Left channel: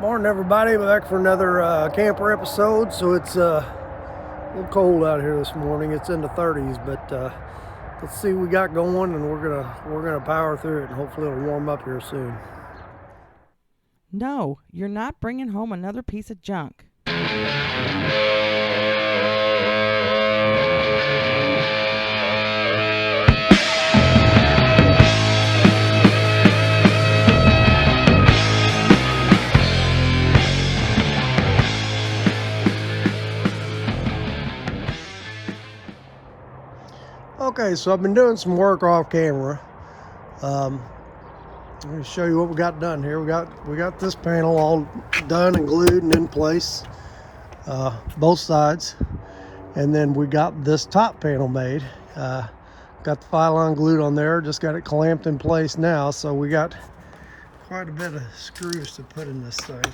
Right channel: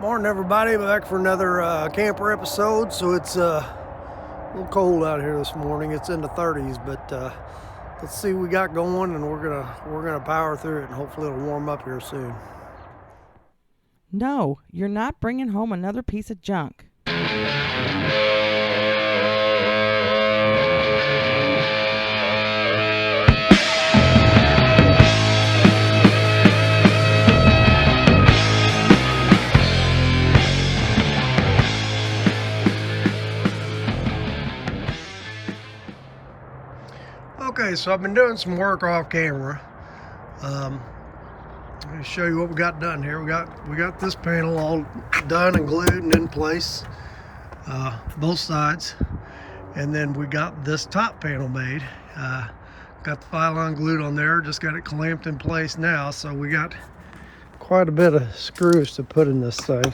Morning, everybody. Back for another camper episode. So it's a little cold out here this morning. It's in the 30s, but let's see what we got going, and we're gonna power through it, and hopefully it'll warm up here soon. No, you're not bringing home another piece of junk. Okay, so I've been doing some work off camera. I'm going to show you what we got done here. We got this panel all done and glued and in place, both sides, and then we got this top panel made. Got the pylon glued on there, just got it clamped in place now. So we got quite a bit of screws to put in this thing.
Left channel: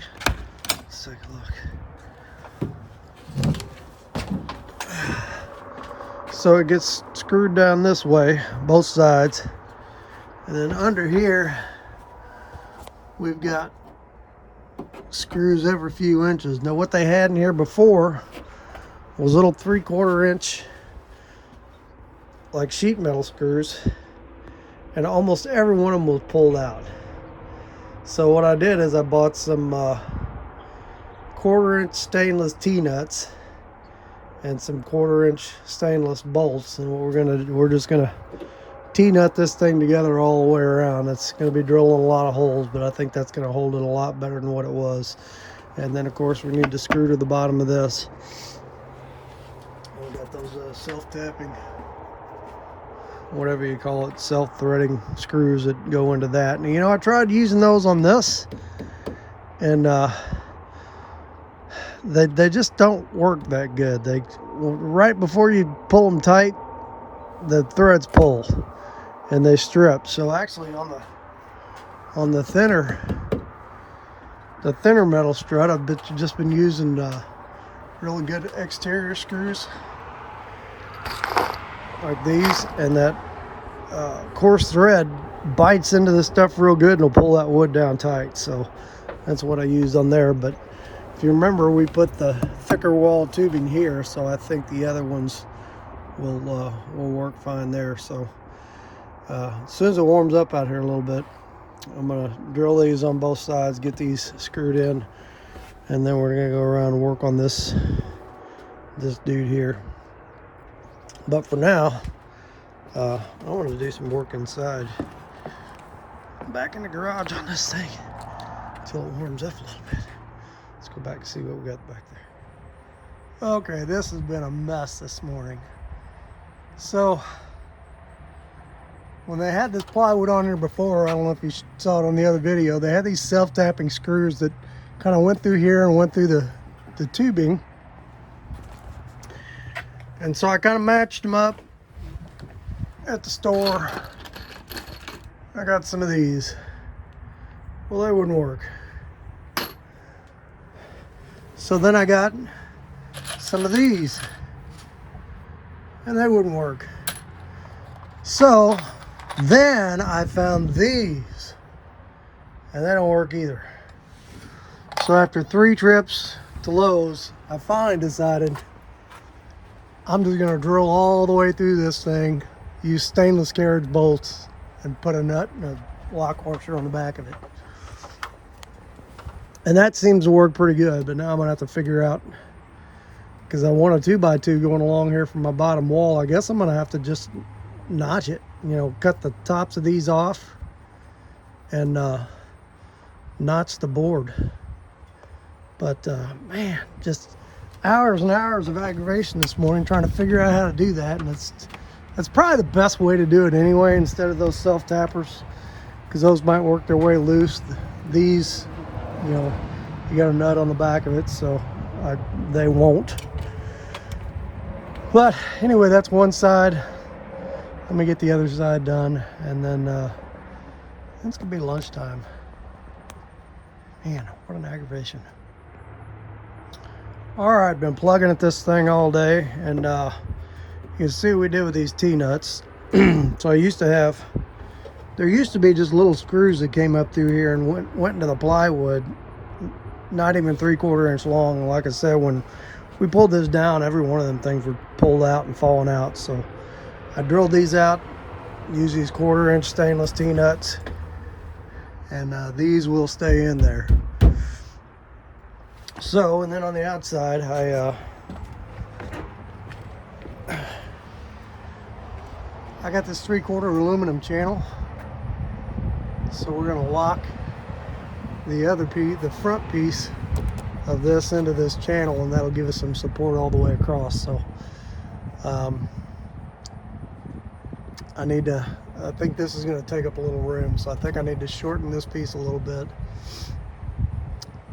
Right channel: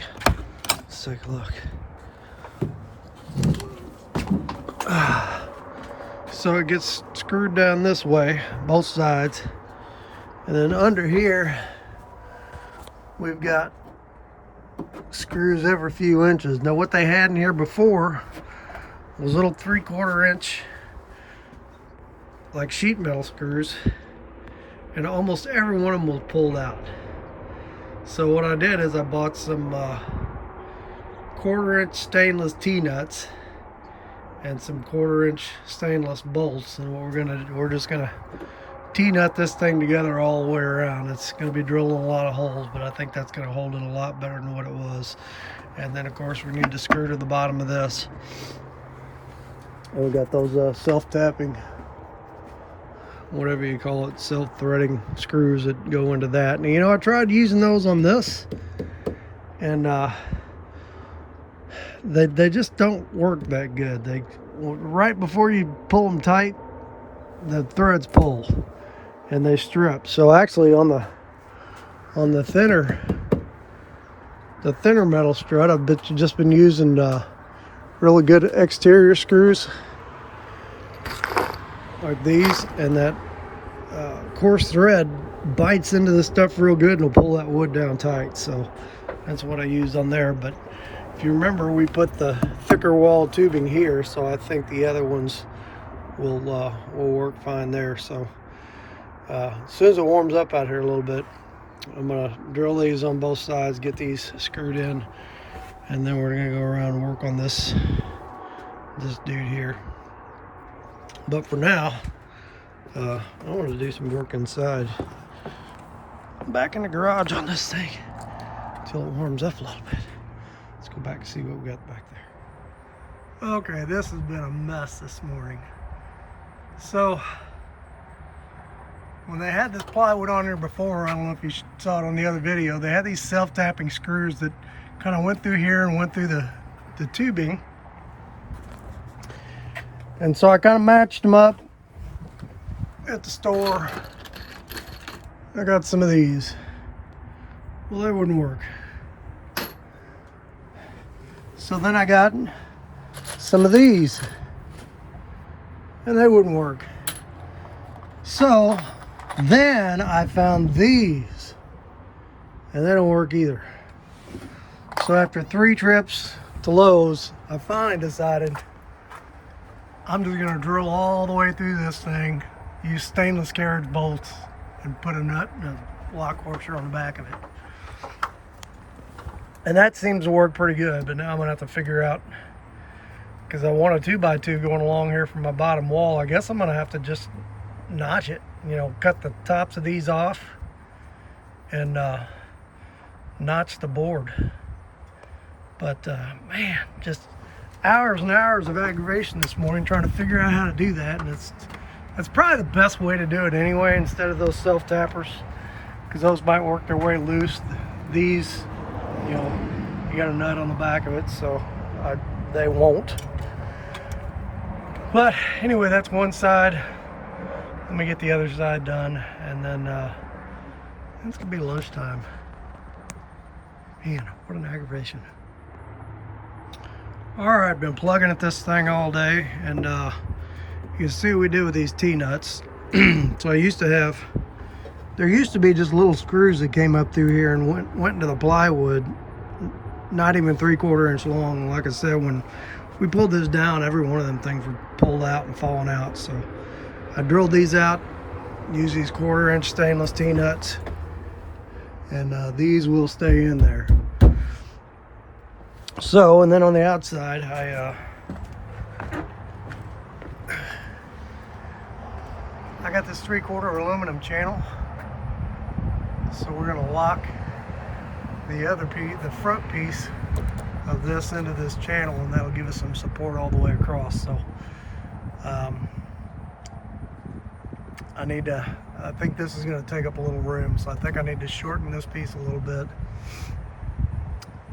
Let's take a look. So it gets screwed down this way, both sides. And then under here, we've got screws every few inches. Now what they had in here before was little 3/4 inch like sheet metal screws, and almost every one of them was pulled out. So what I did is I bought some 1/4 inch stainless T-nuts and some 1/4 inch stainless bolts, and we're just gonna T-nut this thing together all the way around. It's gonna be drilling a lot of holes, but I think that's gonna hold it a lot better than what it was. And then of course we need to screw to the bottom of this. And we got those self-tapping, whatever you call it, self-threading screws that go into that. And you know, I tried using those on this, and they just don't work that good. They, right before you pull them tight, the threads pull and they strip. So actually on the thinner metal strut, I've just been using really good exterior screws like these, and that coarse thread bites into this stuff real good and will pull that wood down tight. So that's what I used on there. But if you remember, we put the thicker wall tubing here, so I think the other ones will work fine there. So as soon as it warms up out here a little bit, I'm gonna drill these on both sides, get these screwed in, and then we're gonna go around and work on this dude here. But for now, I want to do some work inside, back in the garage on this thing, until it warms up a little bit. Let's go back and see what we got back there. Okay, this has been a mess this morning. So when they had this plywood on here before, I don't know if you saw it on the other video, they had these self-tapping screws that kind of went through here and went through the tubing. And so I kind of matched them up at the store. I got some of these. Well, that wouldn't work. So then I got some of these, and they wouldn't work. So then I found these, and they don't work either. So after 3 trips to Lowe's, I finally decided I'm just gonna drill all the way through this thing, use stainless carriage bolts, and put a nut and a lock washer on the back of it. And that seems to work pretty good, but now I'm gonna have to figure out, because I want a 2x2 going along here from my bottom wall. I guess I'm gonna have to just notch it, you know, cut the tops of these off and notch the board. But man, just hours and hours of aggravation this morning trying to figure out how to do that. And that's probably the best way to do it anyway, instead of those self-tappers, because those might work their way loose. These, you know, you got a nut on the back of it, so they won't. But anyway, that's one side. Let me get the other side done, and then it's gonna be lunchtime. Man, what an aggravation. All right, been plugging at this thing all day, and you can see what we did with these T-nuts. So there used to be just little screws that came up through here and went into the plywood not even 3/4 inch long. And like I said, when we pulled this down, every one of them things were pulled out and falling out. So I drilled these out, use these 1/4 inch stainless T-nuts, and these will stay in there. So, and then on the outside, I got this 3/4 aluminum channel. So we're gonna lock the other piece, the front piece of this into this channel, and that'll give us some support all the way across. So I think this is going to take up a little room, so I think I need to shorten this piece a little bit,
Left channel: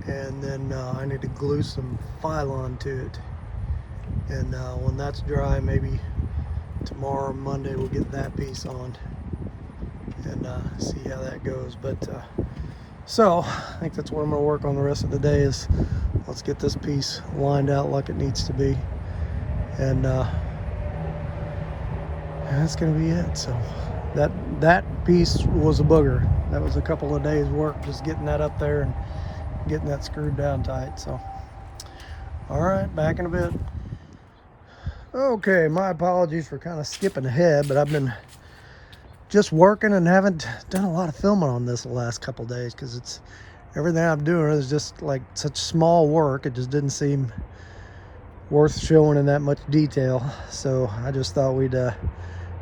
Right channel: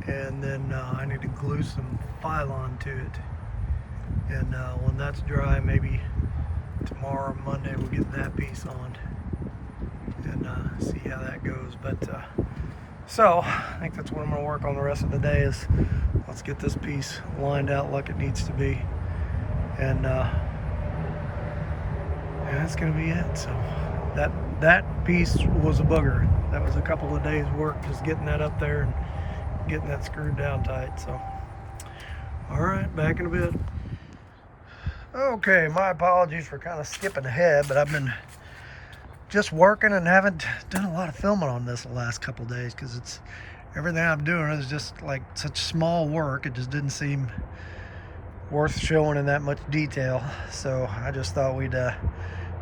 and then I need to glue some Phylon to it. And when that's dry, maybe tomorrow or Monday we'll get that piece on and see how that goes. But so I think that's what I'm going to work on the rest of the day, is let's get this piece lined out like it needs to be, and that's going to be it. So that piece was a booger. That was a couple of days work, just getting that up there and getting that screwed down tight. So all right, back in a bit. Okay, my apologies for kind of skipping ahead, but I've been just working and haven't done a lot of filming on this the last couple of days, because it's everything I'm doing is just like such small work. It just didn't seem worth showing in that much detail. So I just thought we'd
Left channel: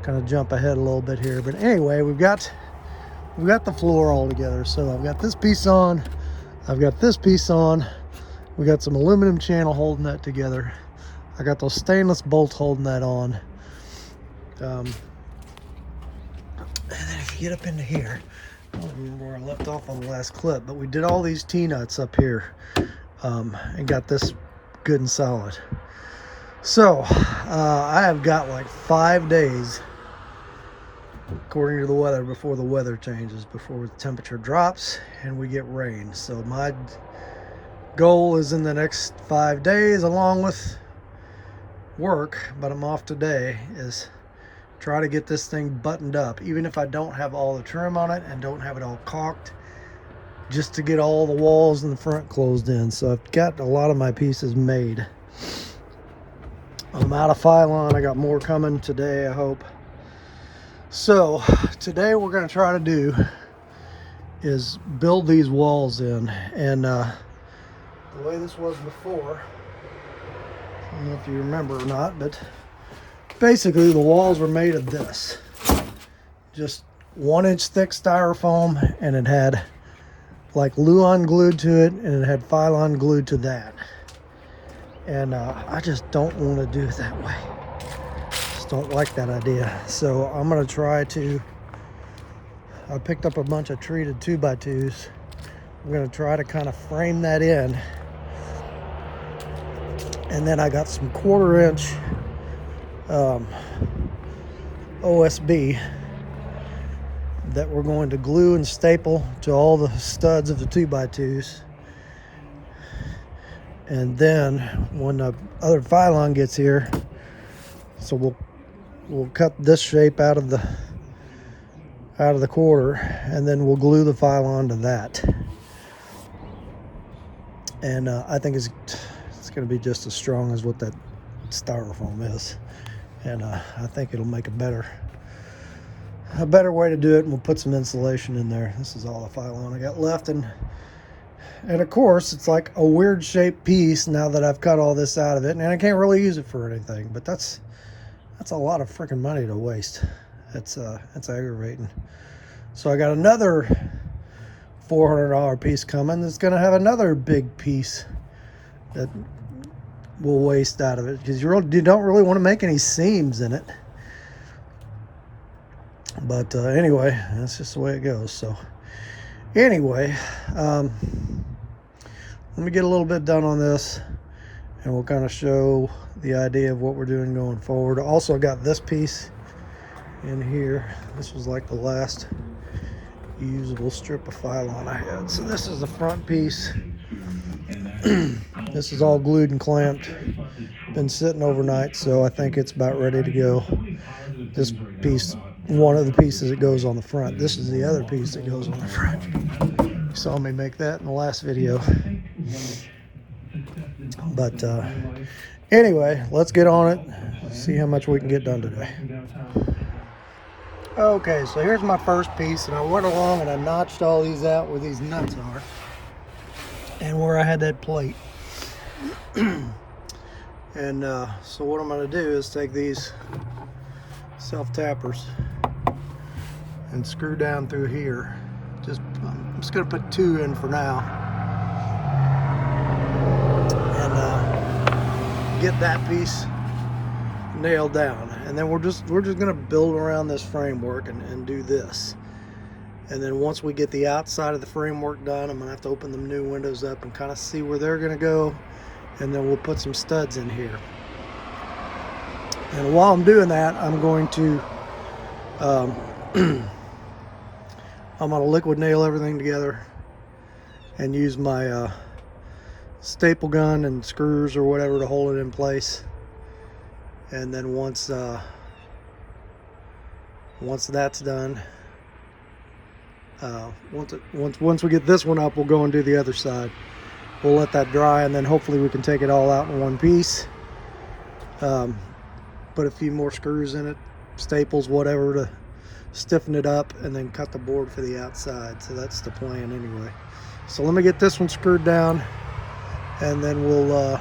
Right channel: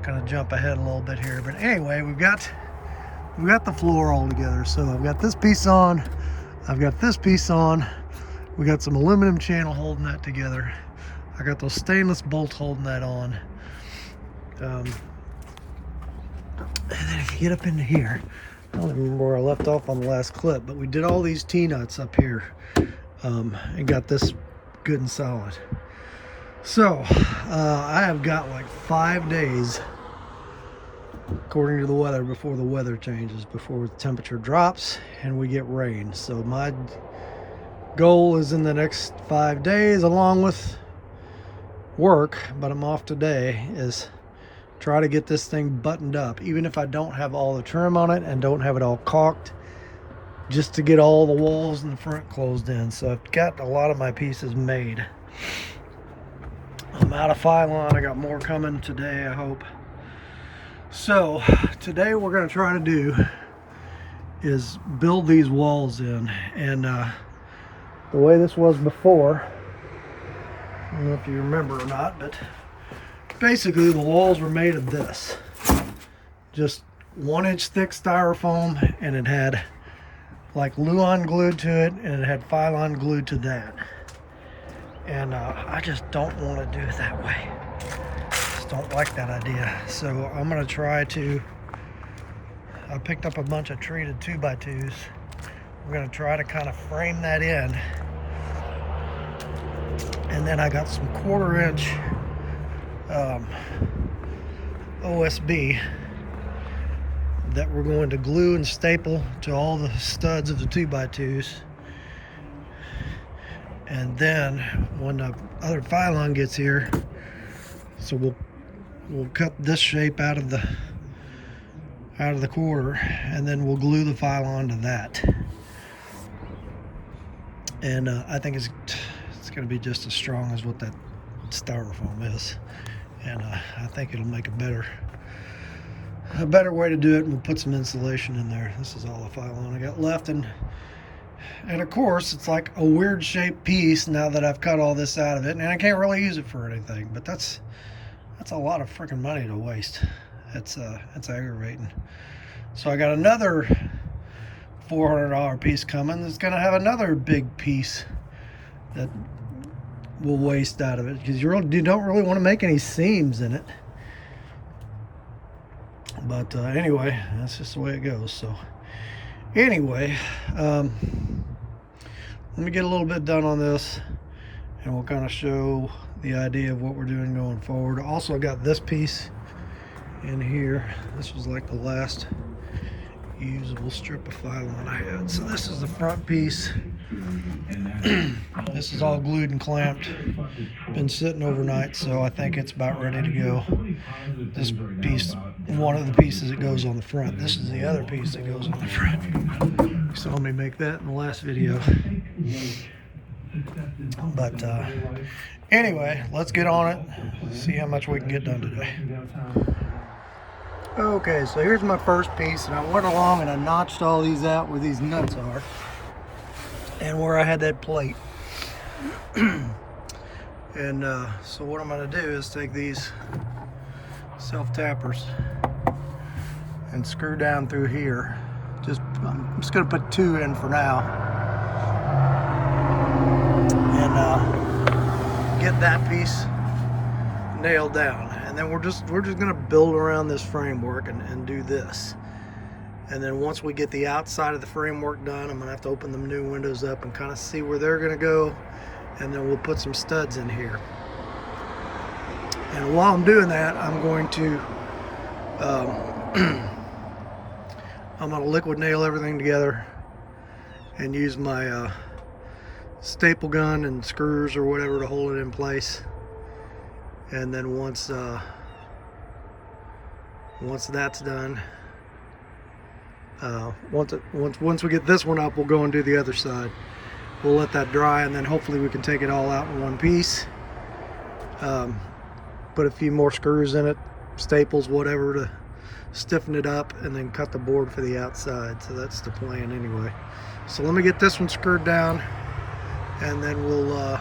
kind of jump ahead a little bit here. But anyway, we've got the floor all together. So I've got this piece on, I've got this piece on, we got some aluminum channel holding that together. I got those stainless bolts holding that on. And then if you get up into here, I don't even remember where I left off on the last clip, but we did all these T-nuts up here and got this good and solid. So I have got like 5 days, according to the weather, before the weather changes, before the temperature drops and we get rain. So my goal is in the next 5 days, along with work, but I'm off today, is try to get this thing buttoned up, even if I don't have all the trim on it and don't have it all caulked, just to get all the walls in the front closed in. So I've got a lot of my pieces made. I'm out of Phylon. I got more coming today, I hope. So today we're going to try to do is build these walls in, and the way this was before, I don't know if you remember or not, but basically the walls were made of this, just 1 inch thick styrofoam, and it had like Luan glued to it, and it had Phylon glued to that. And I just don't want to do it that way. Just don't like that idea. So I'm going to try to, I picked up a bunch of treated 2x2s. I'm going to try to kind of frame that in. And then I got some 1/4 inch OSB that we're going to glue and staple to all the studs of the 2x2s. And then when the other Phylon gets here, so we'll cut this shape out of the 1/4, and then we'll glue the Phylon to that. And I think it's going to be just as strong as what that styrofoam is, and I think it'll make a better way to do it. And we'll put some insulation in there. This is all the Phylon I got left, and of course it's like a weird shaped piece now that I've cut all this out of it, and I can't really use it for anything. But that's a lot of freaking money to waste. It's aggravating. So I got another $400 piece coming that's going to have another big piece that we'll waste out of it, because you don't really want to make any seams in it. But anyway, that's just the way it goes. So anyway, let me get a little bit done on this, and we'll kind of show the idea of what we're doing going forward. I also got this piece in here. This was like the last usable strip of Phylon I had. So this is the front piece. This is all glued and clamped. Been sitting overnight, so I think it's about ready to go. This piece, one of the pieces that goes on the front. This is the other piece that goes on the front. saw me make that in the last video. But anyway, let's get on it, see how much we can get done today. Okay, so here's my first piece, and I went along and I notched all these out where these nuts are and where I had that plate. And so what I'm going to do is take these self-tappers and screw down through here. I'm just going to put 2 in for now, and get that piece nailed down. And then we're just going to build around this framework and do this. And then once we get the outside of the framework done, I'm going to have to open the new windows up and kind of see where they're going to go. And then we'll put some studs in here. And while I'm doing that, I'm going to I'm going to liquid nail everything together and use my staple gun and screws or whatever to hold it in place. And then once that's done, once we get this one up, we'll go and do the other side. We'll let that dry, and then hopefully we can take it all out in one piece. Put a few more screws in it, staples, whatever, to stiffen it up, and then cut the board for the outside. So that's the plan anyway. So let me get this one screwed down, and then we'll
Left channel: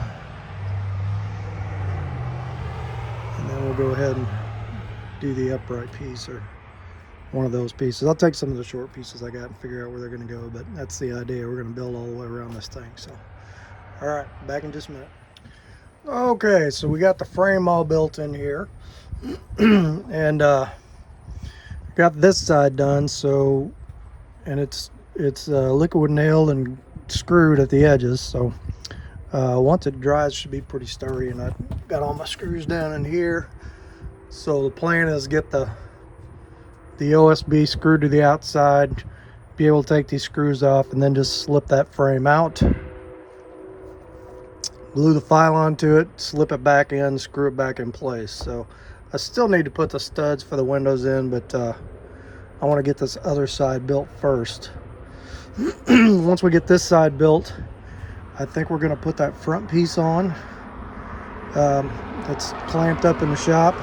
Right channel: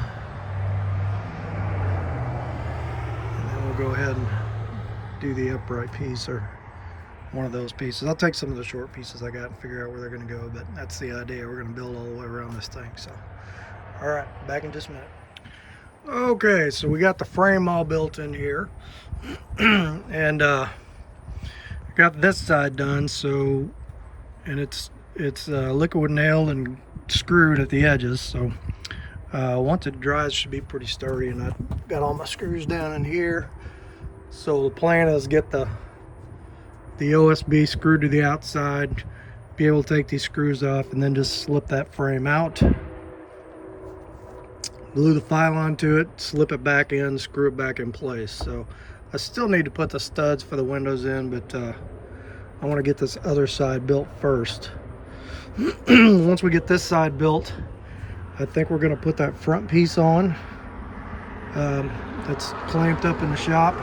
go ahead and do the upright piece, or one of those pieces. I'll take some of the short pieces I got and figure out where they're going to go, but that's the idea. We're going to build all the way around this thing. So all right, back in just a minute. Okay, so we got the frame all built in here and got this side done. So, and it's liquid nailed and screwed at the edges. So once it dries, it should be pretty sturdy. And I got all my screws down in here. So the plan is get the OSB screwed to the outside, be able to take these screws off, and then just slip that frame out, glue the file onto it, slip it back in, screw it back in place. So I still need to put the studs for the windows in, but I want to get this other side built first. Once we get this side built, I think we're going to put that front piece on. It's clamped up in the shop,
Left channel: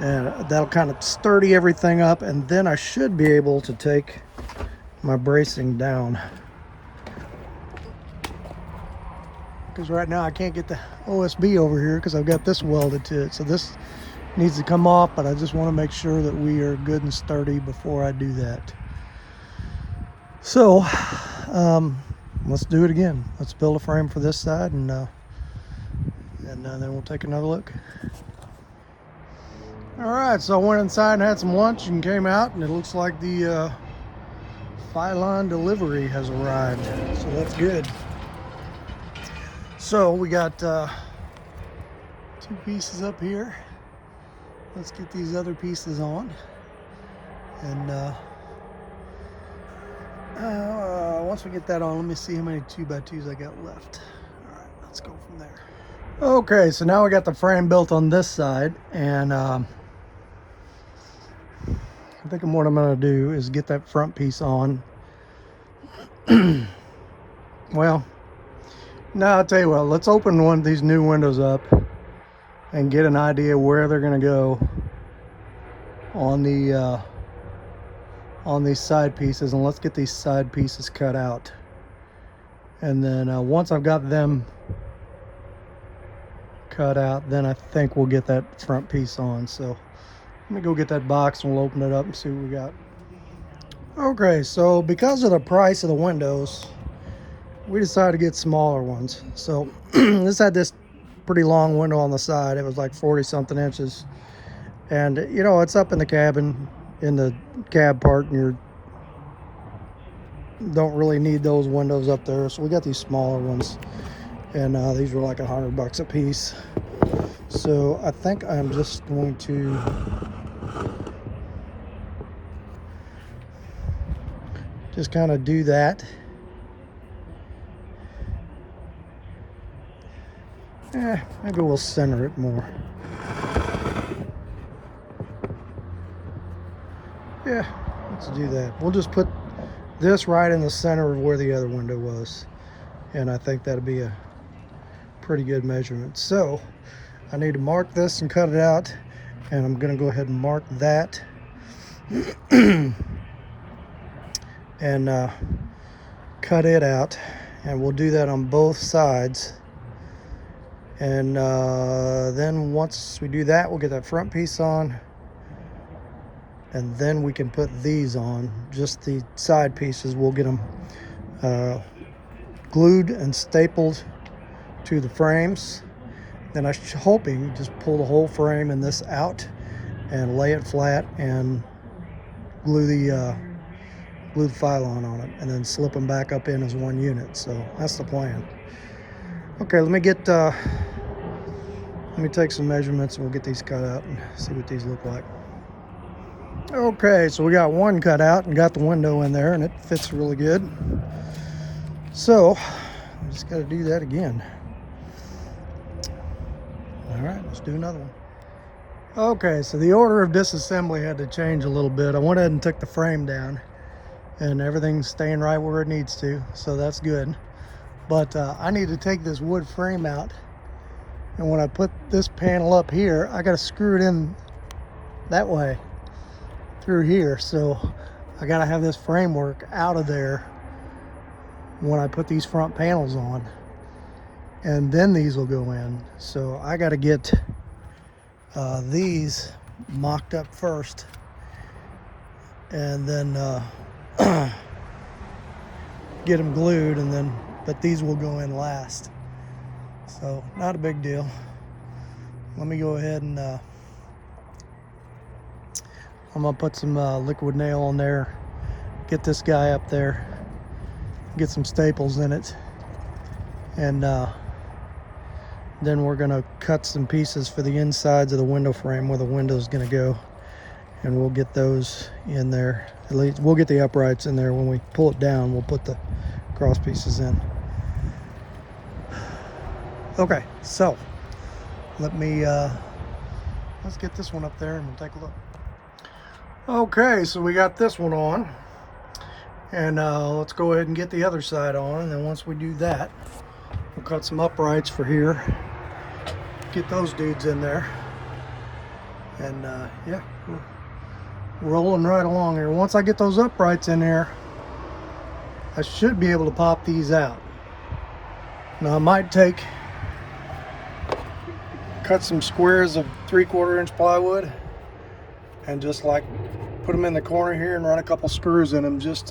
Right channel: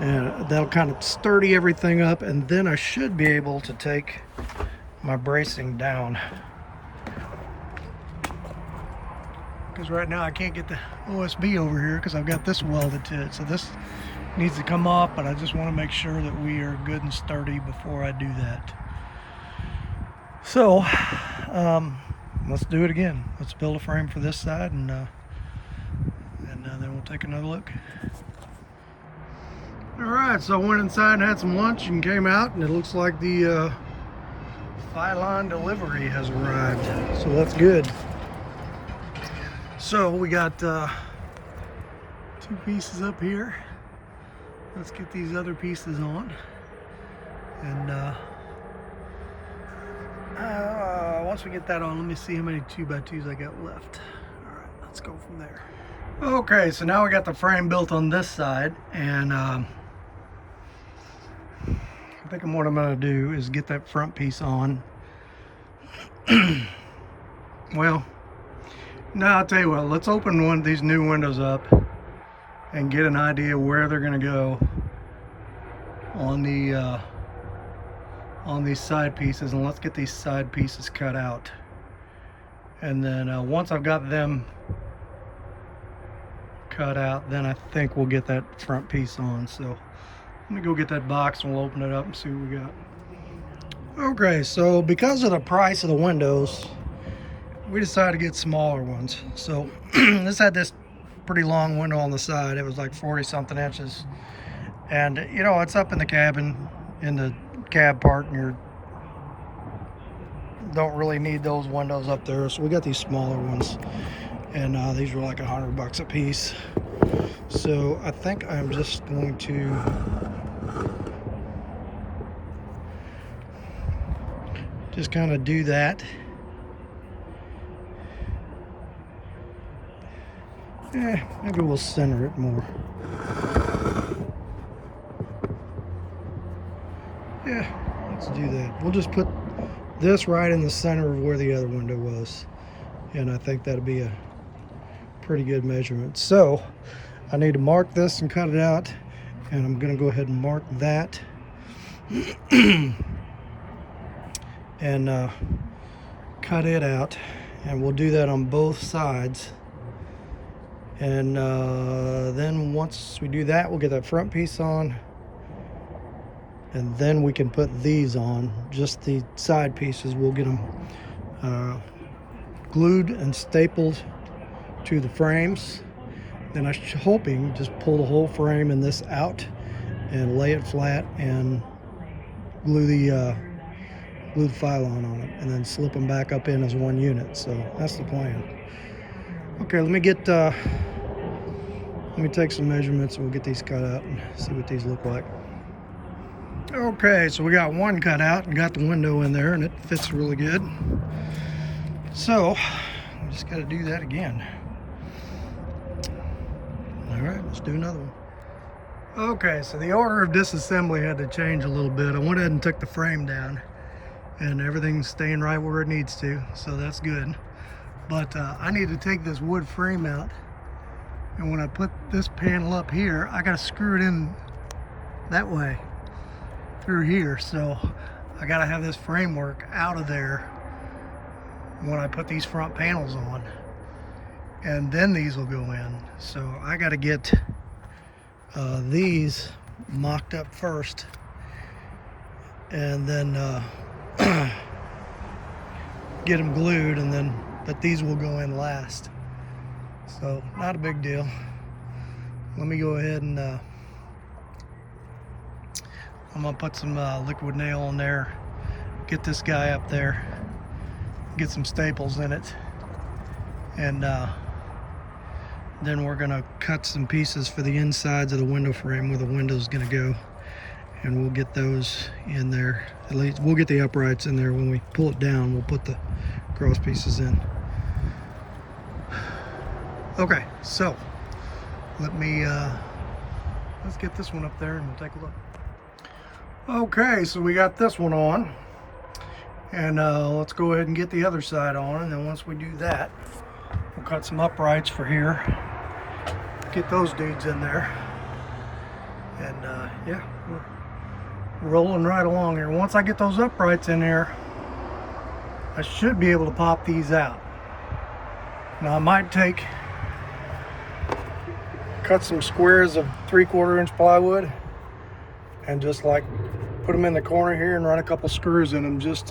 and that'll kind of sturdy everything up, and then I should be able to take my bracing down, because right now I can't get the OSB over here because I've got this welded to it. So this needs to come off, but I just want to make sure that we are good and sturdy before I do that. So let's do it again. Let's build a frame for this side, and then we'll take another look. All right, so I went inside and had some lunch and came out, and it looks like the Phylon delivery has arrived, so that's good. So we got 2 pieces up here. Let's get these other pieces on, and once we get that on, let me see how many 2x2s I got left. All right, let's go from there. Okay, so now we got the frame built on this side, and I think what I'm going to do is get that front piece on. Well, now I'll tell you what, let's open one of these new windows up and get an idea where they're going to go on these side pieces, and let's get these side pieces cut out. And then once I've got them cut out, then I think we'll get that front piece on. So let me go get that box and we'll open it up and see what we got. Okay, so because of the price of the windows, we decided to get smaller ones. So this had this pretty long window on the side. It was like 40 something inches, and you know, it's up in the cabin, in the cab part, and you don't really need those windows up there. So we got these smaller ones, and these were like $100 a piece. So I think I'm just going to just kind of do that. Maybe we'll center it more. Yeah, let's do that. We'll just put this right in the center of where the other window was. And I think that'd be a pretty good measurement. So I need to mark this and cut it out, and I'm gonna go ahead and mark that and cut it out, and we'll do that on both sides. And then once we do that, we'll get that front piece on, and then we can put these on. Just the side pieces, we'll get them glued and stapled to the frames. Then I'm hoping just pull the whole frame and this out and lay it flat and glue the pylon on it, and then slip them back up in as one unit. So that's the plan. Okay, let me take some measurements and we'll get these cut out and see what these look like. Okay, so we got one cut out and got the window in there, and it fits really good. So we just got to do that again. All right, let's do another one. Okay, so the order of disassembly had to change a little bit. I went ahead and took the frame down, and everything's staying right where it needs to, so that's good. But I need to take this wood frame out, and when I put this panel up here, I got to screw it in that way through here. So I got to have this framework out of there when I put these front panels on, and then these will go in. So I got to get these mocked up first, and then get them glued, and then but these will go in last. So not a big deal. Let me go ahead and I'm gonna put some liquid nail on there, get this guy up there, get some staples in it, and then we're gonna cut some pieces for the insides of the window frame where the window's gonna go, and we'll get those in there. At least we'll get the uprights in there. When we pull it down, we'll put the cross pieces in. Okay, so let me let's get this one up there and we'll take a look. Okay, so we got this one on, and let's go ahead and get the other side on, and then once we do that, we'll cut some uprights for here, get those dudes in there, and yeah, we're rolling right along here. Once I get those uprights in there, I should be able to pop these out. Now I might cut some squares of 3/4 inch plywood and just like put them in the corner here and run a couple screws in them just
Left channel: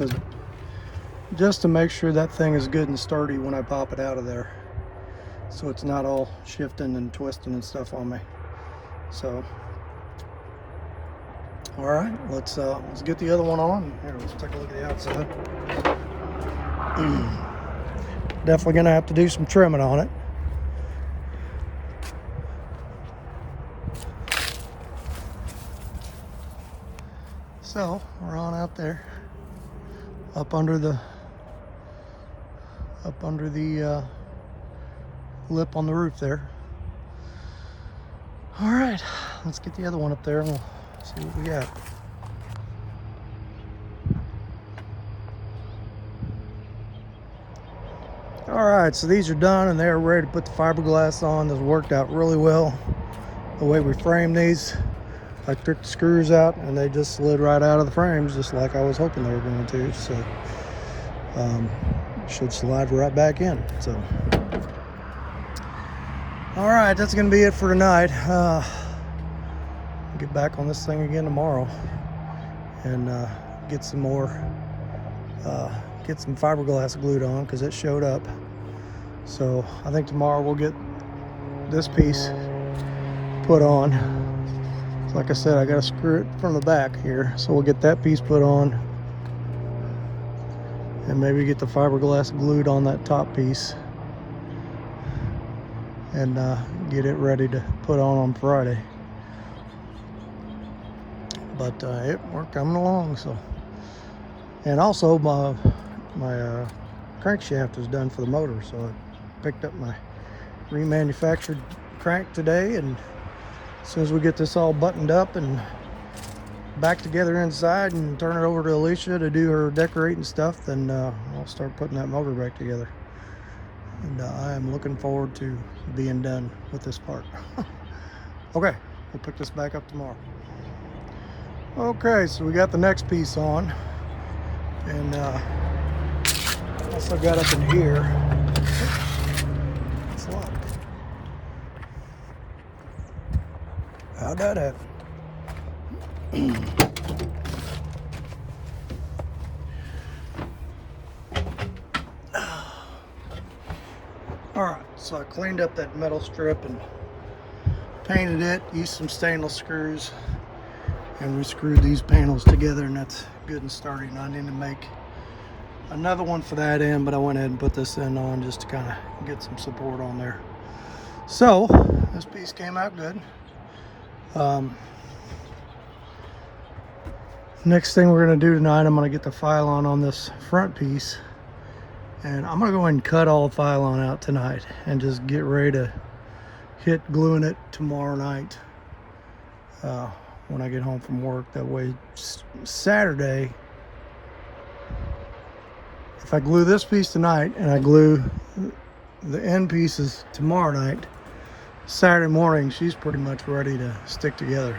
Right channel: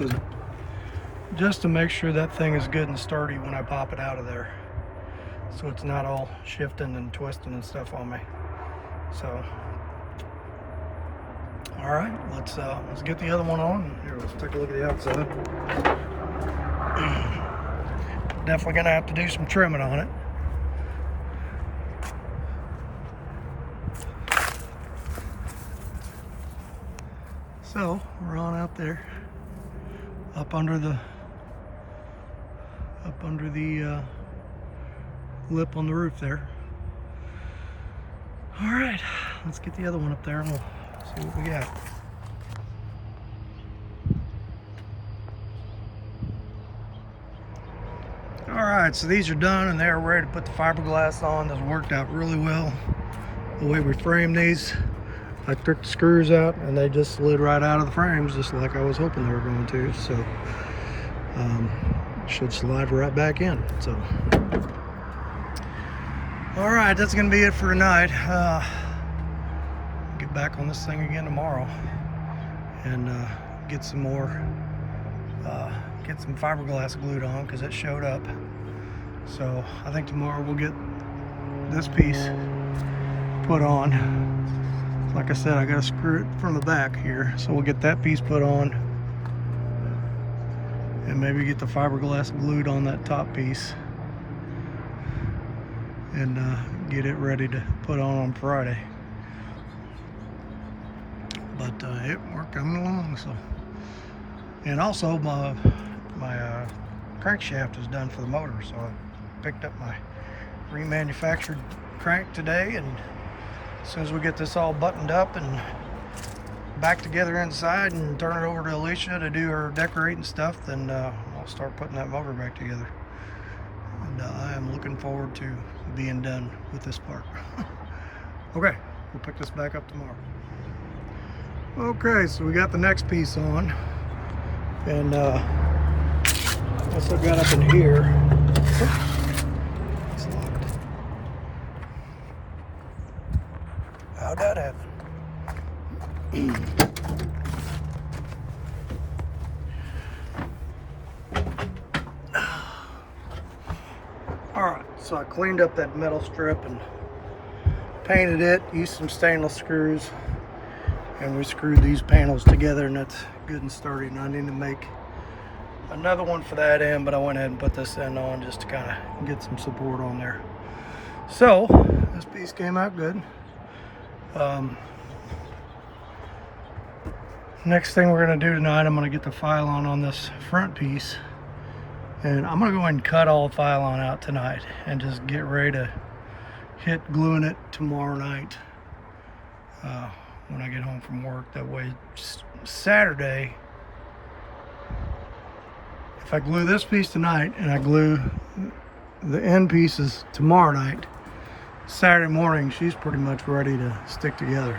to make sure that thing is good and sturdy when I pop it out of there, so it's not all shifting and twisting and stuff on me. So all right, let's get the other one on. Here, let's take a look at the outside. Definitely gonna have to do some trimming on it. So we're on out there, up under the lip on the roof there. All right, let's get the other one up there and we'll see what we got. All right, so these are done and they're ready to put the fiberglass on. This worked out really well. The way we framed these, I took the screws out and they just slid right out of the frames, just like I was hoping they were going to. So should slide right back in. So all right, that's gonna be it for tonight. Get back on this thing again tomorrow and get some more get some fiberglass glued on because it showed up. So I think tomorrow we'll get this piece put on. Like I said, I got to screw it from the back here, so we'll get that piece put on and maybe get the fiberglass glued on that top piece and get it ready to put on Friday. But we're coming along. So, and also my crankshaft is done for the motor, so I picked up my remanufactured crank today, and as soon as we get this all buttoned up and back together inside and turn it over to Alicia to do her decorating stuff, then we'll start putting that motor back together. And I am looking forward to being done with this part. Okay, we'll pick this back up tomorrow. Okay, so we got the next piece on, and also got up in here. It's locked. How'd that happen? Alright, so I cleaned up that metal strip and painted it, used some stainless screws, and we screwed these panels together, and that's good and sturdy. And I need to make another one for that end, but I went ahead and put this end on just to kind of get some support on there. So this piece came out good. Next thing we're going to do tonight, I'm going to get the Phylon on this front piece, and I'm going to go ahead and cut all the Phylon out tonight and just get ready to hit gluing it tomorrow night when I get home from work. That way Saturday, if I glue this piece tonight and I glue the end pieces tomorrow night, Saturday morning she's pretty much ready to stick together.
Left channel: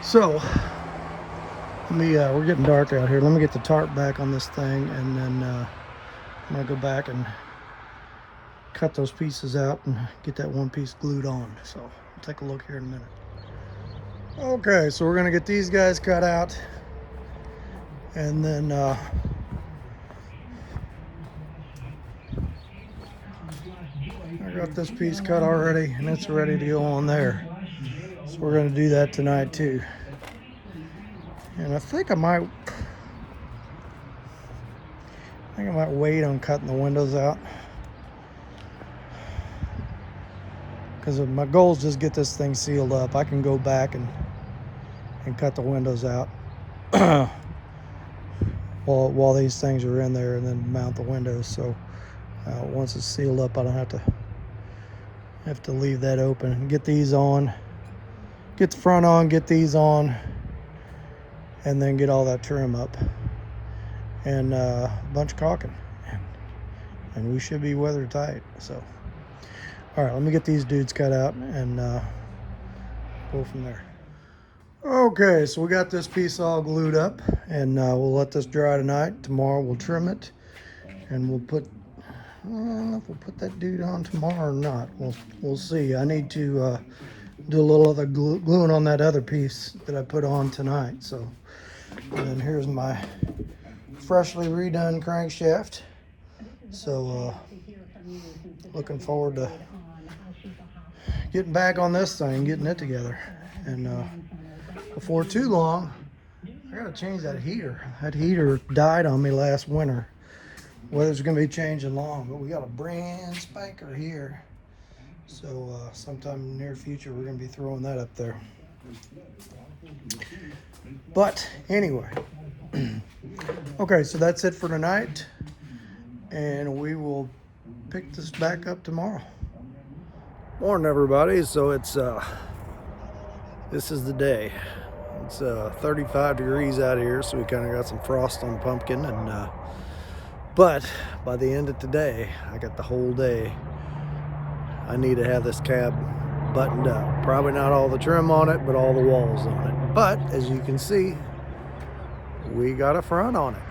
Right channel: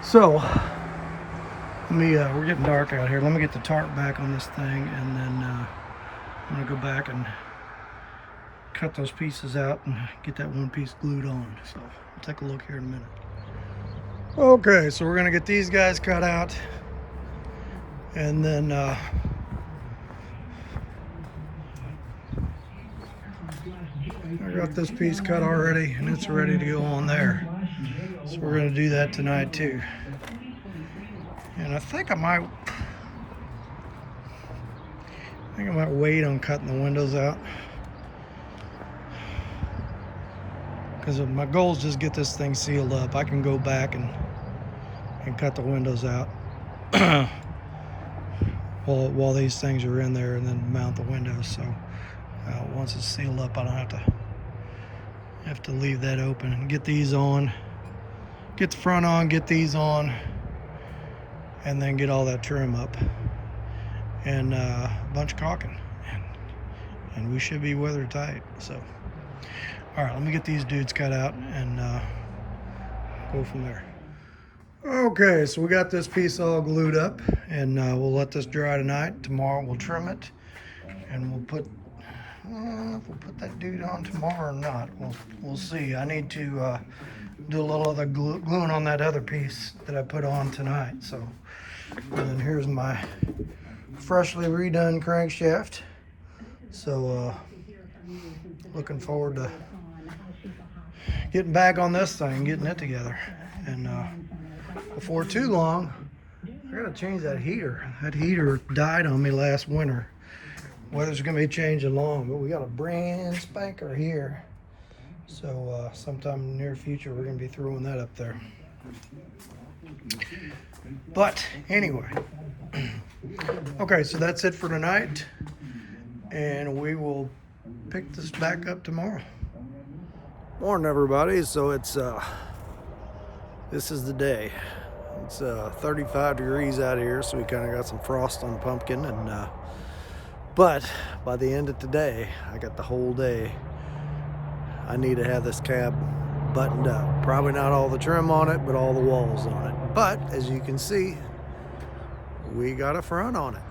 So let me we're getting dark out here. Let me get the tarp back on this thing, and then I'm gonna go back and cut those pieces out and get that one piece glued on. So we'll take a look here in a minute. Okay, so we're gonna get these guys cut out, and then I got this piece cut already, and it's ready to go on there. So we're gonna do that tonight too. And I think I might wait on cutting the windows out, because if my goal is just get this thing sealed up, I can go back and cut the windows out while these things are in there, and then mount the windows. So once it's sealed up, I don't have to leave that open. Get these on, get the front on, get these on, and then get all that trim up, and a bunch of caulking, and we should be weather tight. So all right, let me get these dudes cut out and go from there. Okay, so we got this piece all glued up, and we'll let this dry tonight. Tomorrow we'll trim it, and we'll put, I don't know if we'll put that dude on tomorrow or not. We'll see. I need to do a little of the gluing on that other piece that I put on tonight. So, and here's my freshly redone crankshaft. So looking forward to getting back on this thing, getting it together. And before too long, I gotta change that heater. That heater died on me last winter. Weather's gonna be changing long, but we got a brand spanker here. So sometime in the near future, we're gonna be throwing that up there. But anyway, okay, so that's it for tonight, and we will pick this back up tomorrow. Morning, everybody. So it's this is the day. It's 35 degrees out here, so we kind of got some frost on the pumpkin, and but by the end of today, I got the whole day. I need to have this cab buttoned up. Probably not all the trim on it, but all the walls on it. But as you can see, we got a front on it.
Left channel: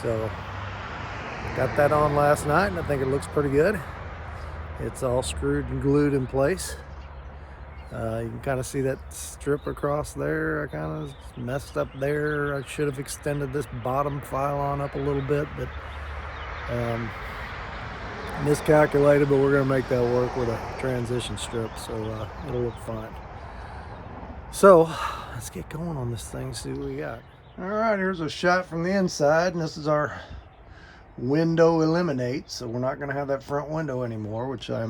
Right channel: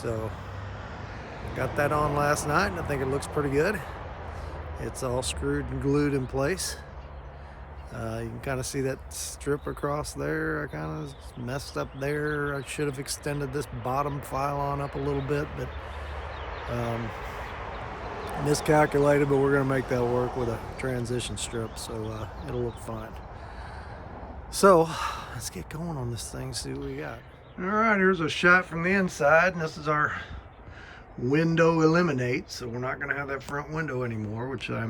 So got that on last night, and I think it looks pretty good. It's all screwed and glued in place. You can kind of see that strip across there. I kind of messed up there. I should have extended this bottom Phylon up a little bit, but miscalculated, but we're gonna make that work with a transition strip, so it'll look fine. So let's get going on this thing, see what we got. All right, here's a shot from the inside, and this is our window eliminate. So we're not gonna have that front window anymore, which I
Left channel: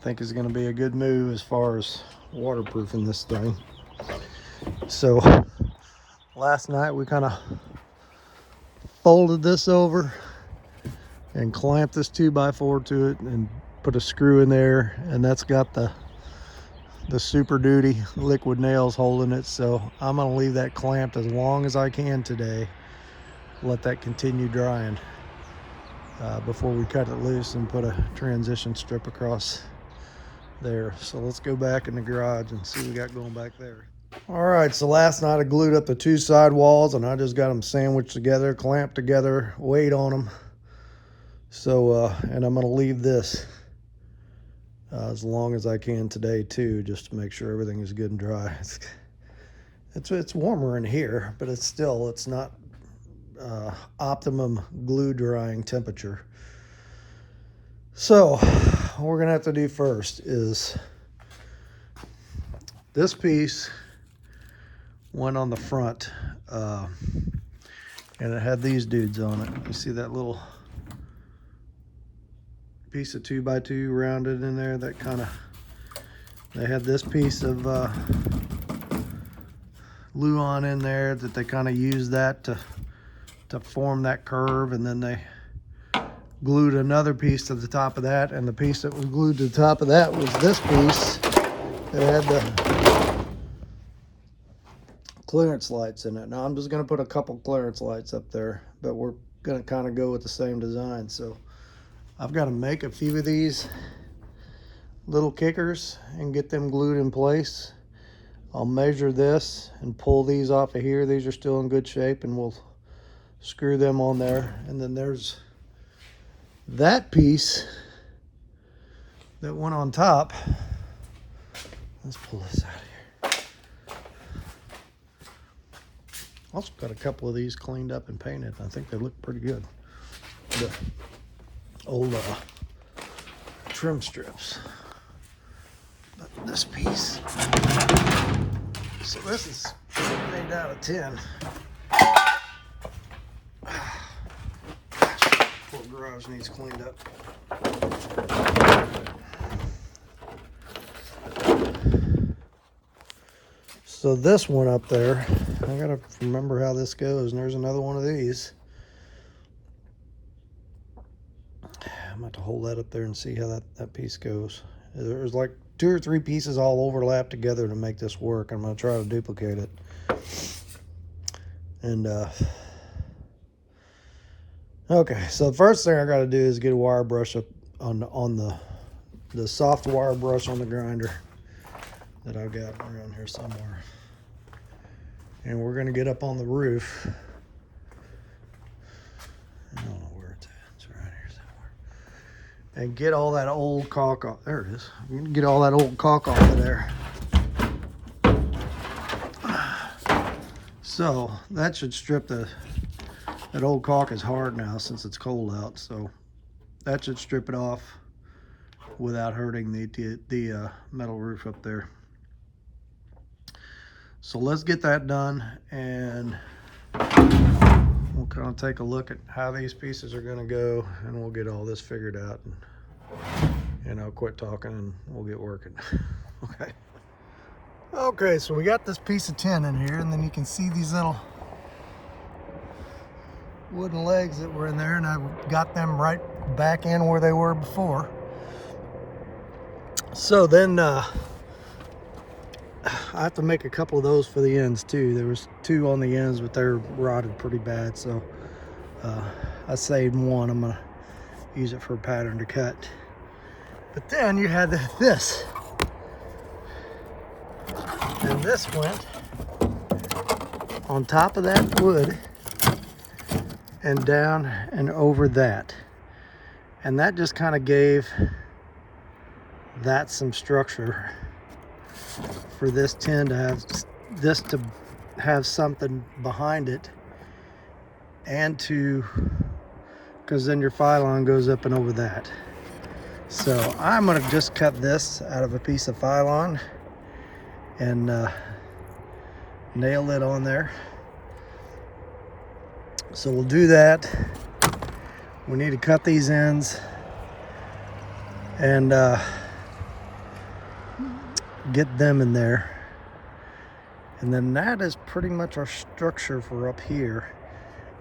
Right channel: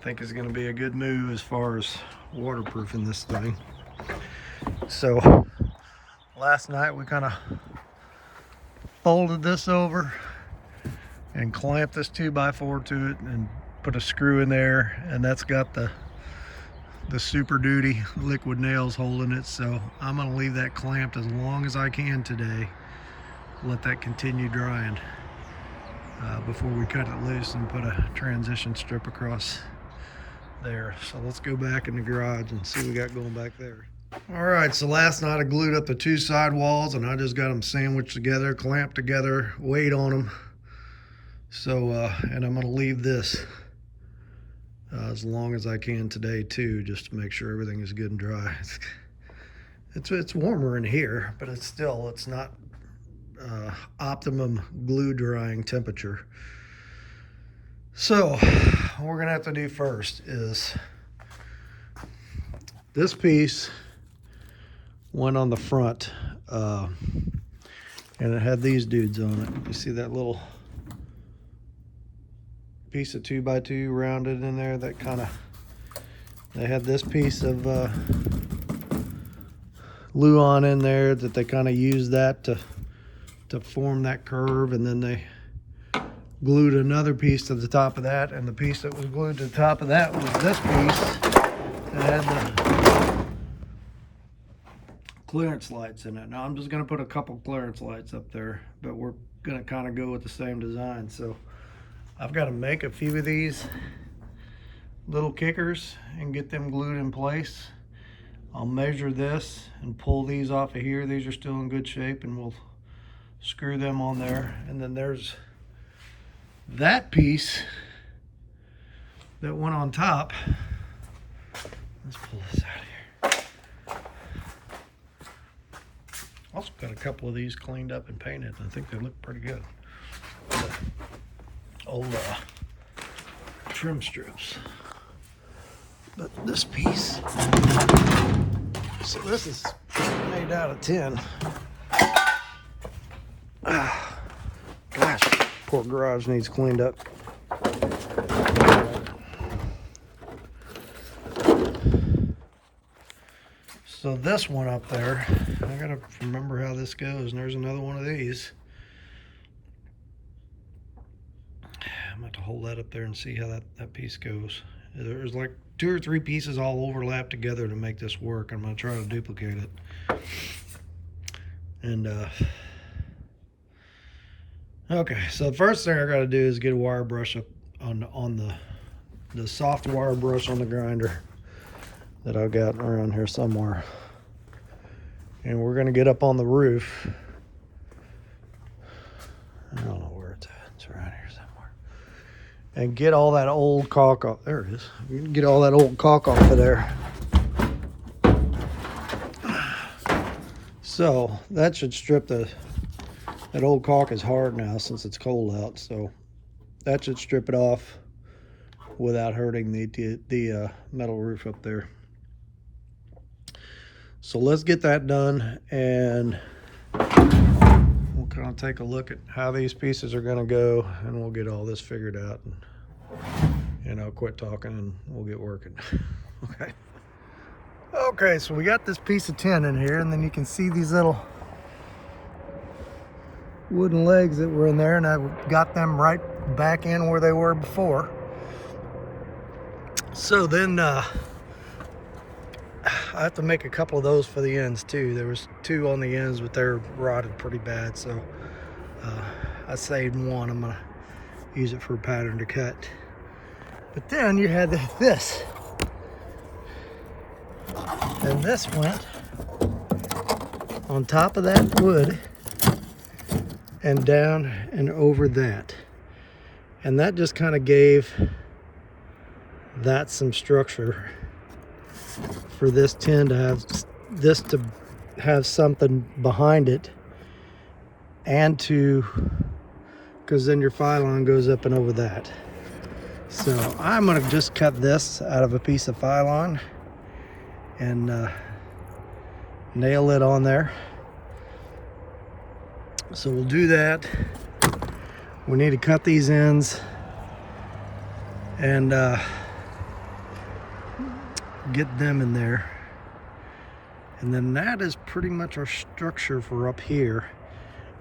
think is gonna be a good move as far as waterproofing this thing. So last night we kind of folded this over and clamped this 2x4 to it and put a screw in there, and that's got the the Super Duty liquid nails holding it, so I'm gonna leave that clamped as long as I can today. Let that continue drying before we cut it loose and put a transition strip across there. So let's go back in the garage and see what we got going back there. All right, so last night I glued up the two side walls and I just got them sandwiched together, clamped together, weight on them. So, and I'm gonna leave this as long as I can today too, just to make sure everything is good and dry. It's warmer in here, but it's not optimum glue drying temperature. So what we're gonna have to do first is this piece went on the front, and it had these dudes on it. You see that little piece of 2x2 rounded in there, that kind of, they had this piece of Luan in there that they kind of used that to form that curve, and then they glued another piece to the top of that, and the piece that was glued to the top of that was this piece that had the clearance lights in it. Now I'm just going to put a couple clearance lights up there, but we're going to kind of go with the same design. So I've got to make a few of these little kickers and get them glued in place. I'll measure this and pull these off of here. These are still in good shape, and we'll screw them on there. And then there's that piece that went on top. Let's pull this out of here. Also got a couple of these cleaned up and painted. I think they look pretty good. But old trim strips. But this piece, so this is made out of tin. Gosh, poor garage needs cleaned up. So this one up there, I gotta remember how this goes, and there's another one of these. I'm going to hold that up there and see how that piece goes. There's like 2 or 3 pieces all overlap together to make this work. I'm going to try to duplicate it. And okay, so the first thing I got to do is get a wire brush up on the soft wire brush on the grinder that I've got around here somewhere. And we're going to get up on the roof. I don't know where it's at. It's around here somewhere. And get all that old caulk off. There it is. Get all that old caulk off of there. So that should strip that old caulk is hard now since it's cold out. So that should strip it off without hurting the metal roof up there. So let's get that done, and we're going to take a look at how these pieces are going to go, and we'll get all this figured out, and I'll quit talking and we'll get working. Okay, so we got this piece of tin in here, and then you can see these little wooden legs that were in there, and I got them right back in where they were before. So then I have to make a couple of those for the ends too. There was 2 on the ends, but they're rotted pretty bad, so I saved one. I'm gonna use it for a pattern to cut. But then you had this, and this went on top of that wood and down and over that, and that just kind of gave that some structure for this tin to have something behind it, and because then your phylon goes up and over that. So I'm going to just cut this out of a piece of phylon and nail it on there. So we'll do that. We need to cut these ends and get them in there, and then that is pretty much our structure for up here.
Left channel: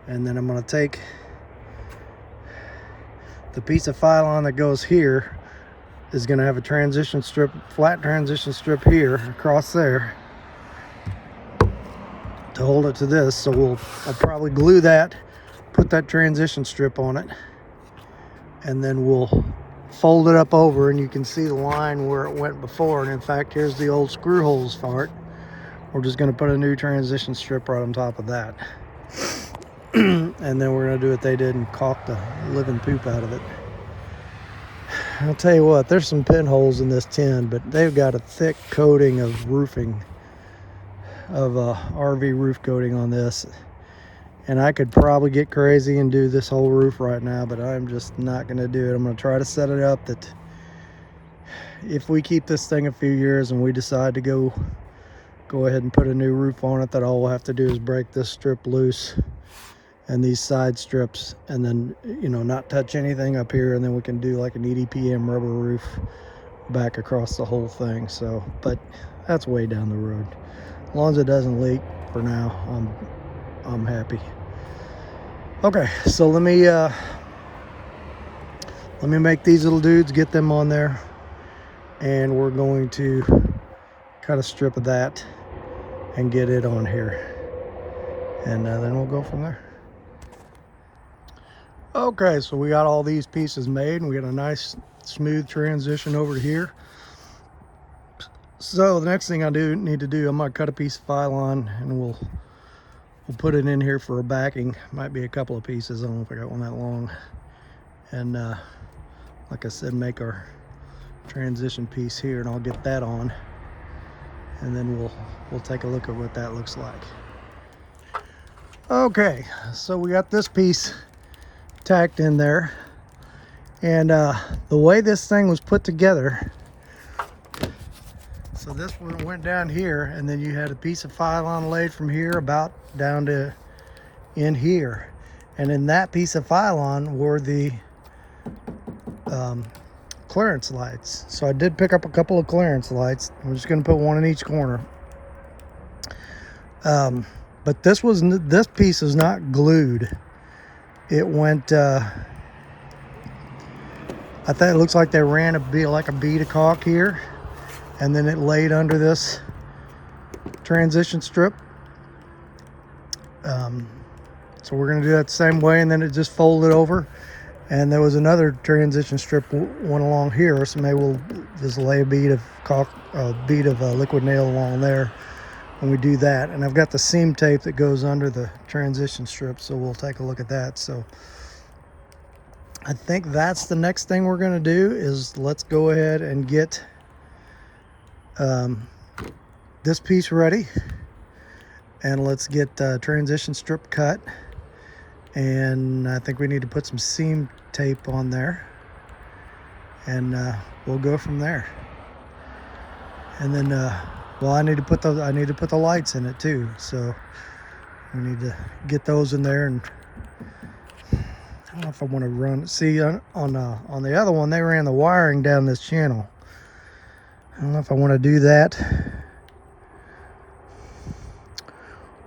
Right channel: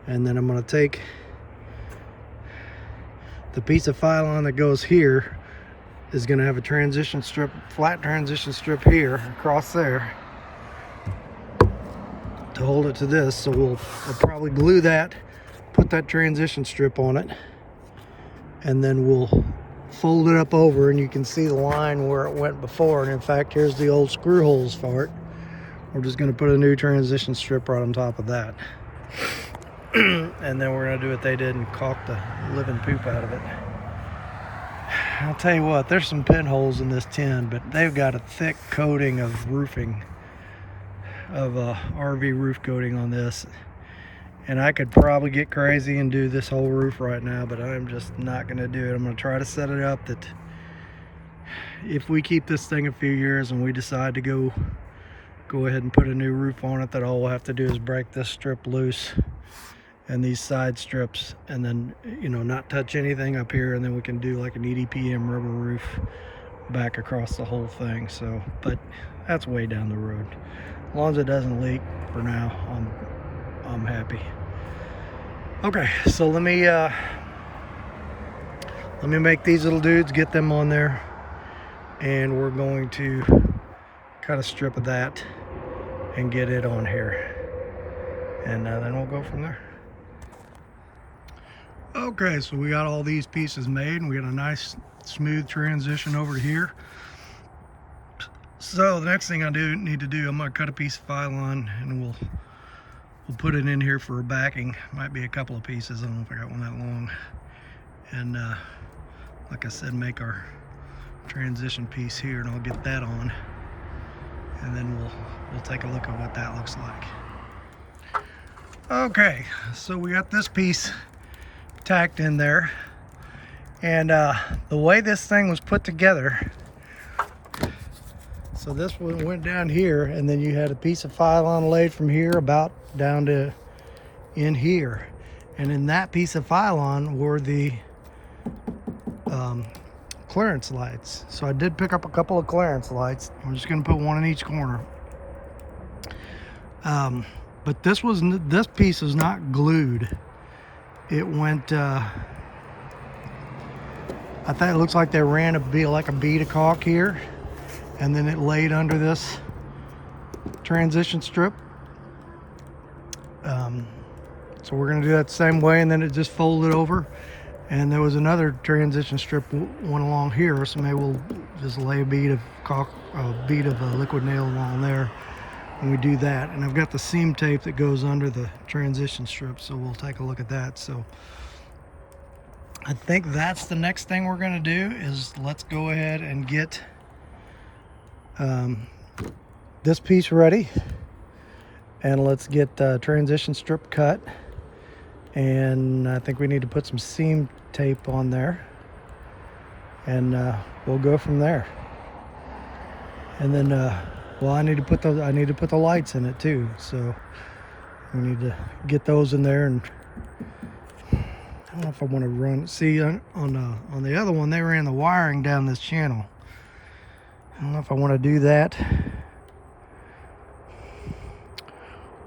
And then I'm going to take the piece of phylon that goes here is going to have a transition strip, flat transition strip here across there to hold it to this. So I'll probably glue that, put that transition strip on it, and then we'll fold it up over, and you can see the line where it went before. And in fact, here's the old screw holes for it. We're just going to put a new transition strip right on top of that. And then we're going to do what they did and caulk the living poop out of it. I'll tell you what, there's some pinholes in this tin, but they've got a thick coating of roofing, of RV roof coating on this. And I could probably get crazy and do this whole roof right now, but I'm just not going to do it. I'm going to try to set it up that if we keep this thing a few years and we decide to go ahead and put a new roof on it, that all we'll have to do is break this strip loose and these side strips, and then, you know, not touch anything up here, and then we can do like an EDPM rubber roof back across the whole thing. So, but that's way down the road. As long as it doesn't leak for now, I'm happy. Okay, so let me make these little dudes, get them on there, and we're going to cut a strip of that and get it on here, and then we'll go from there. Okay, so we got all these pieces made, and we got a nice smooth transition over to here. So the next thing I need to do, I'm gonna cut a piece of Phylon, and we'll put it in here for a backing. Might be a couple of pieces, I don't know if I got one that long. And like I said, make our transition piece here, and I'll get that on, and then we'll take a look at what that looks like. Okay, so we got this piece tacked in there, and the way this thing was put together, so this one went down here, and then you had a piece of Phylon laid from here about down to in here, and in that piece of Phylon were the clearance lights. So I did pick up a couple of clearance lights. I'm just going to put one in each corner. But this piece is not glued. It went, I think it looks like they ran a bead of caulk here, and then it laid under this transition strip. So we're going to do that the same way, and then it just folded over. And there was another transition strip went along here, so maybe we'll just lay a bead of caulk, liquid nail along there, and we do that. And I've got the seam tape that goes under the transition strip, so we'll take a look at that. So I think that's the next thing we're going to do, is let's go ahead and get this piece ready, and let's get transition strip cut. And I think we need to put some seam tape on there, and we'll go from there. And then well, I need to put the lights in it too, so we need to get those in there. And I don't know if I want to run, see on the other one they ran the wiring down this channel. I don't know if I want to do that,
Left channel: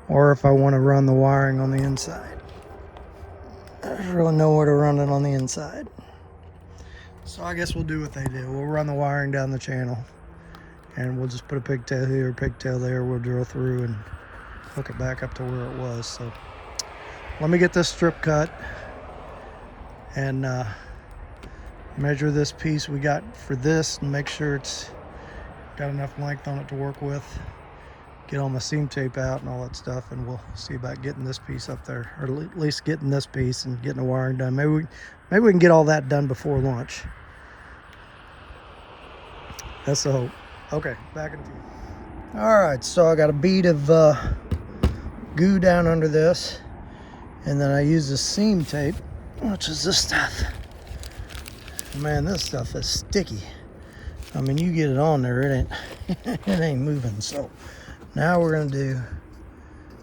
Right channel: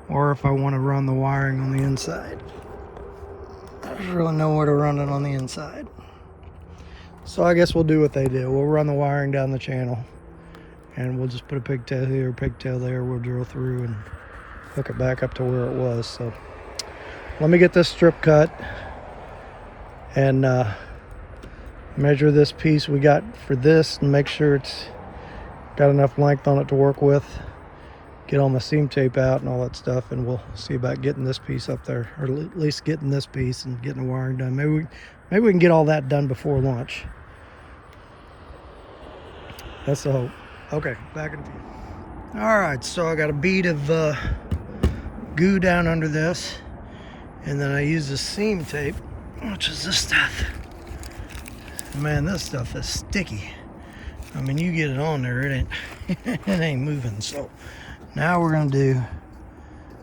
or if I want to run the wiring on the inside. There's really nowhere to run it on the inside. So I guess we'll do what they do. We'll run the wiring down the channel, and we'll just put a pigtail here, pigtail there. We'll drill through and hook it back up to where it was. So let me get this strip cut and measure this piece we got for this, and make sure it's got enough length on it to work with. Get all my seam tape out and all that stuff, and we'll see about getting this piece up there, or at least getting this piece and getting the wiring done. Maybe we can get all that done before lunch. That's the hope. Okay, back in a few. All right, so I got a bead of goo down under this, and then I use the seam tape, which is this stuff. Man, this stuff is sticky. I mean, you get it on there, it ain't moving. So now we're gonna do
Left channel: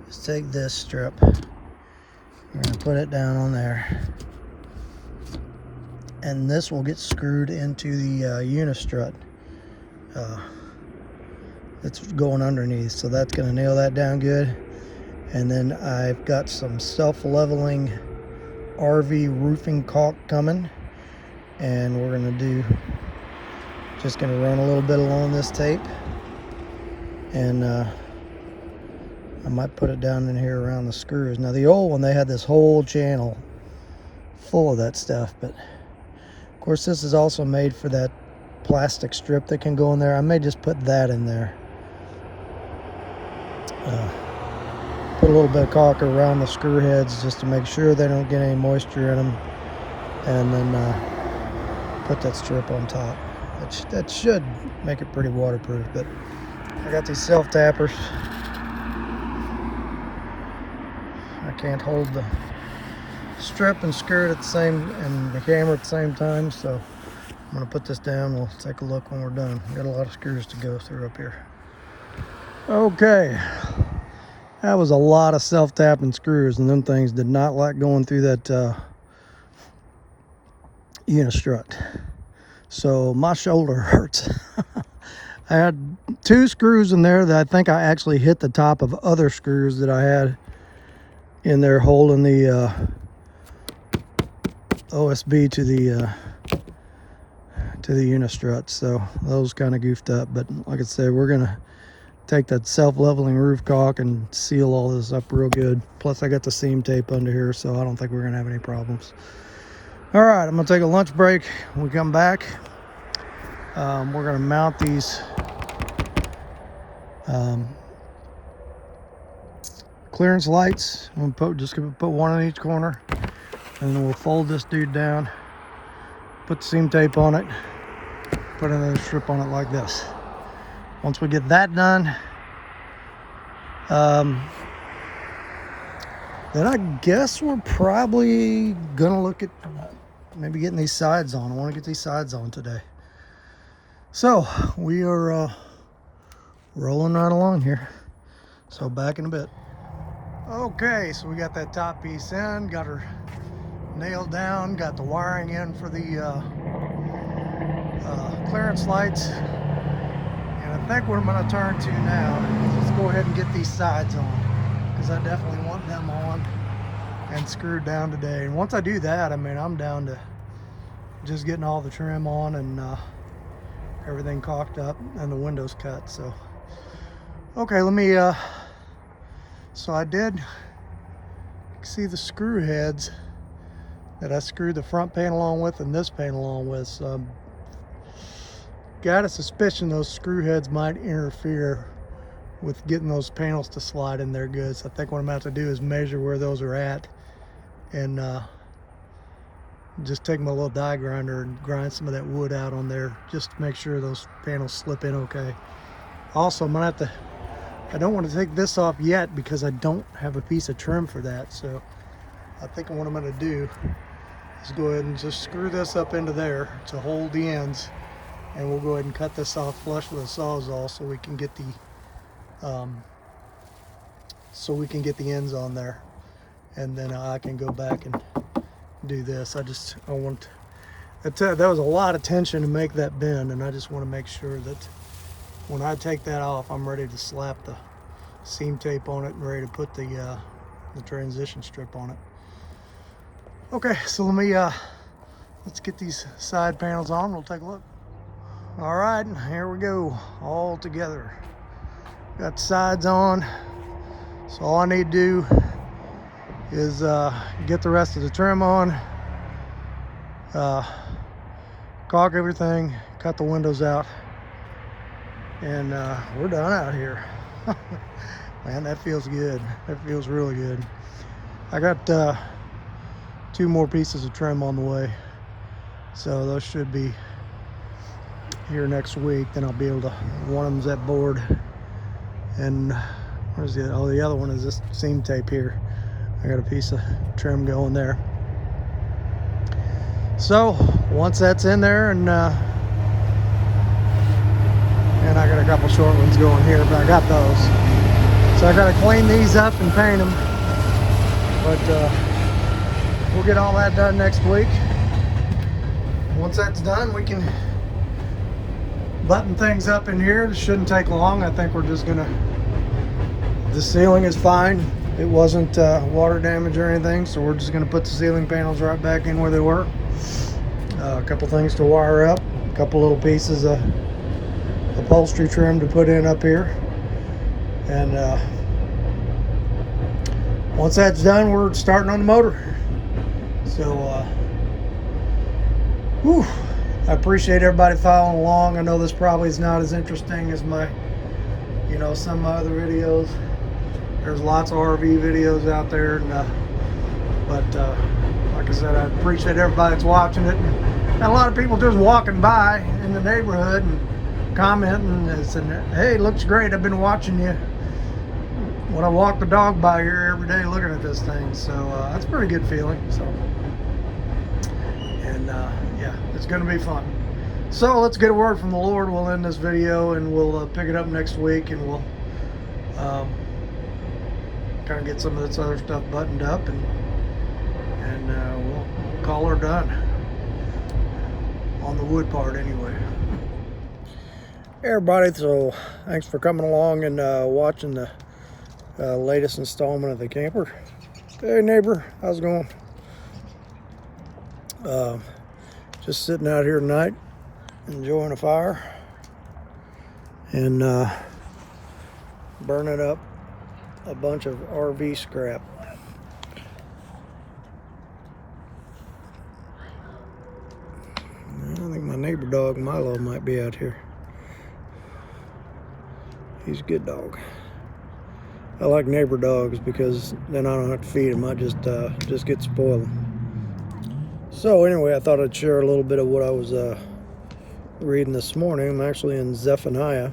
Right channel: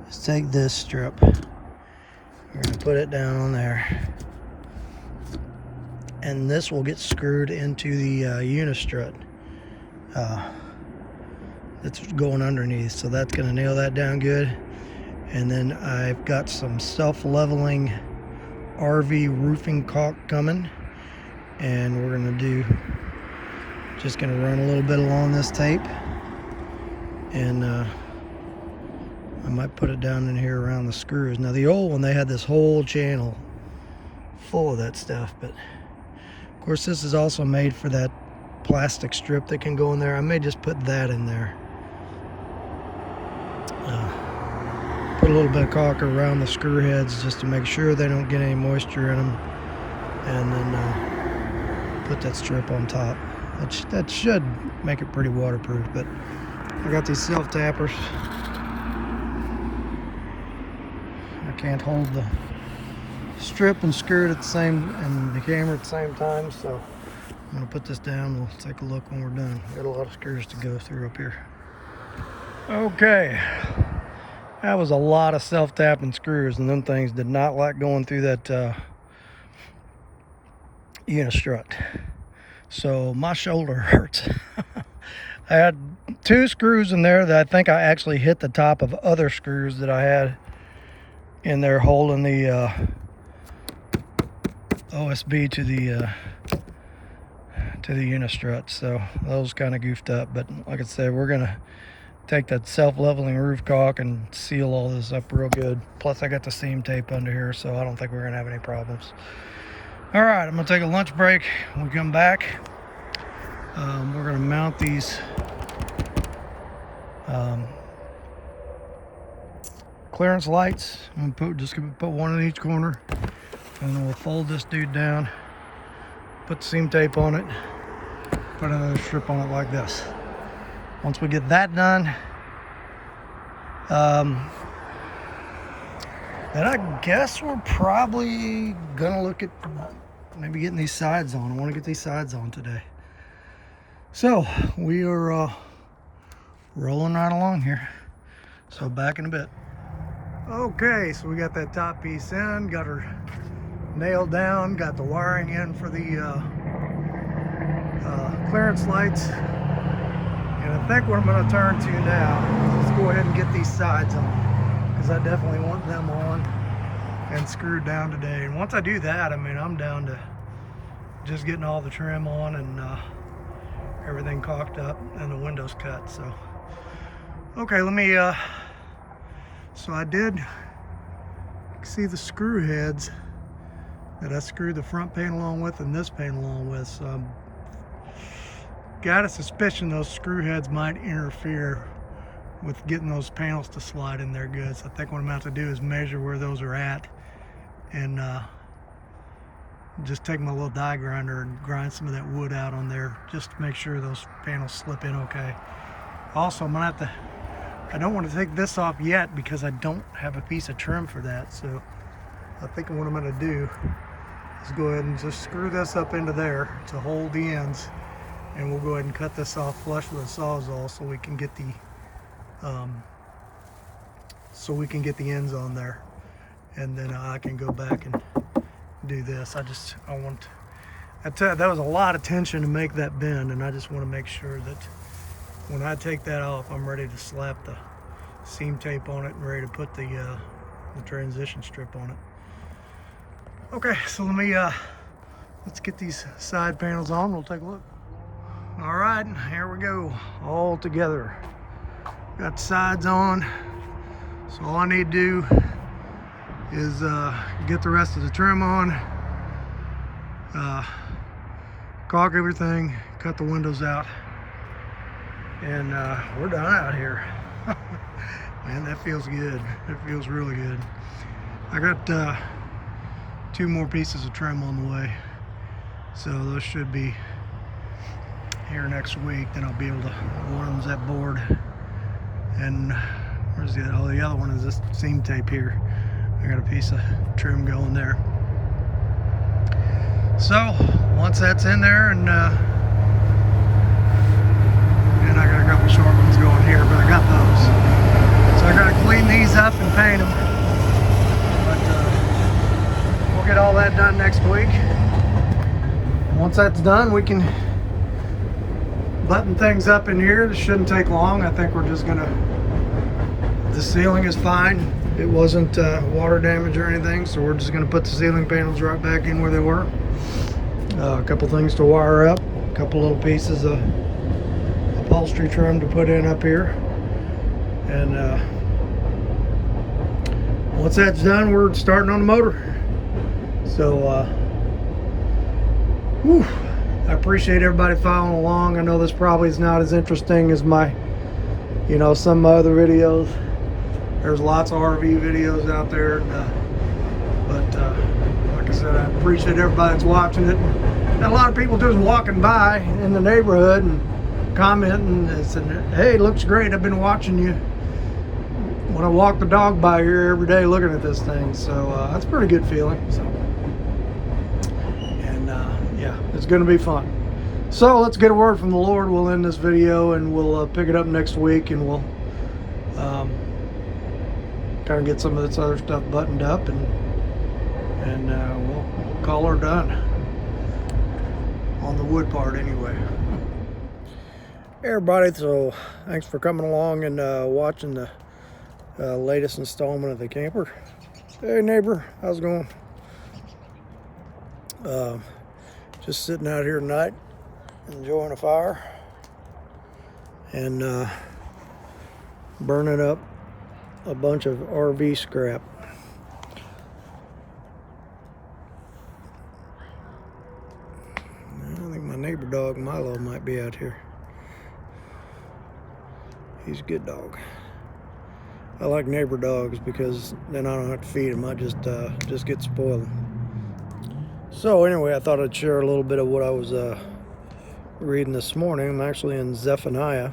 is take this strip, we're gonna put it down on there, and this will get screwed into the unistrut that's going underneath. So that's gonna nail that down good. And then I've got some self-leveling RV roofing caulk coming, and we're gonna do Just gonna run a little bit along this tape, and I might put it down in here around the screws. Now the old one, they had this whole channel full of that stuff, but of course this is also made for that plastic strip that can go in there. I may just put that in there. Put a little bit of caulk around the screw heads just to make sure they don't get any moisture in them, and then put that strip on top. That should make it pretty waterproof. But I got these self tappers. I can't hold the strip and screw it at the same, and the camera at the same time, so I'm gonna put this down. We'll take a look when we're done. Got a lot of screws to go through up here. Okay, that was a lot of self-tapping screws, and them things did not like going through that unistrut. So my shoulder hurts. I had 2 screws in there that I think I actually hit the top of other screws that I had in there holding the OSB to the unistrut. So those kind of goofed up, but like I said, we're gonna take that self-leveling roof caulk and seal all this up real good. Plus I got the seam tape under here, so I don't think we're gonna have any problems. All right, I'm gonna take a lunch break. When we come back, we're gonna mount these clearance lights. I'm gonna put one in each corner, and then we'll fold this dude down, put the seam tape on it, put another strip on it like this. Once we get that done, then I guess we're probably gonna look at maybe getting these sides on. I want to get these sides on today. So we are rolling right along here. So back in a bit. Okay, so we got that top piece in, got her nailed down, got the wiring in for the clearance lights. And I think what I'm going to turn to now is let's go ahead and get these sides on, because I definitely want them on and screwed down today. And once I do that, I mean, I'm down to just getting all the trim on and everything caulked up and the windows cut. So okay, let me so I did see the screw heads that I screwed the front panel on with and this panel on with. So got a suspicion those screw heads might interfere with getting those panels to slide in there good. So I think what I'm about to do is measure where those are at, and just take my little die grinder and grind some of that wood out on there just to make sure those panels slip in okay. Also, I'm gonna have to, I don't want to take this off yet because I don't have a piece of trim for that. So I think what I'm gonna do is go ahead and just screw this up into there to hold the ends, and we'll go ahead and cut this off flush with a Sawzall so we can get the ends on there, and then I can go back and do this. I want that was a lot of tension to make that bend, and I just want to make sure that when I take that off, I'm ready to slap the seam tape on it and ready to put the transition strip on it. Okay, so let's get these side panels on. We'll take a look. All right, here we go, all together. Got the sides on, so all I need to do is get the rest of the trim on, caulk everything, cut the windows out, and we're done out here. Man, that feels good. That feels really good. I got 2 more pieces of trim on the way, so those should be here next week. Then I'll be able to, one of them's that board, and where's the other one is this seam tape here. I got a piece of trim going there. So once that's in there, and I got a couple short ones going here, but I got those. So I gotta clean these up and paint them, but we'll get all that done next week. Once that's done, we can button things up in here. It shouldn't take long. I think we're just gonna, the ceiling is fine. It wasn't water damage or anything, so we're just gonna put the ceiling panels right back in where they were. A couple things to wire up, a couple little pieces of upholstery trim to put in up here. And once that's done, we're starting on the motor. So whew, I appreciate everybody following along. I know this probably is not as interesting as my, some of my other videos. There's lots of RV videos out there, and, but like I said, I appreciate everybody that's watching it. And a lot of people just walking by in the neighborhood and commenting and saying, "Hey, looks great. I've been watching you when I walk the dog by here every day looking at this thing." So that's a pretty good feeling. So, and yeah, it's going to be fun. So let's get a word from the Lord. We'll end this video and we'll pick it up next week, and we'll kind of get some of this other stuff buttoned up, and we'll call her done on the wood part anyway. Hey everybody, so thanks for coming along and watching the latest installment of the camper. Hey neighbor, how's it going? Just sitting out here tonight, enjoying a fire and burning up a bunch of RV scrap. I think my neighbor dog Milo might be out here. He's a good dog. I like neighbor dogs because then I don't have to feed them. I just get spoiled. So anyway, I thought I'd share a little bit of what I was reading this morning. I'm actually in Zephaniah.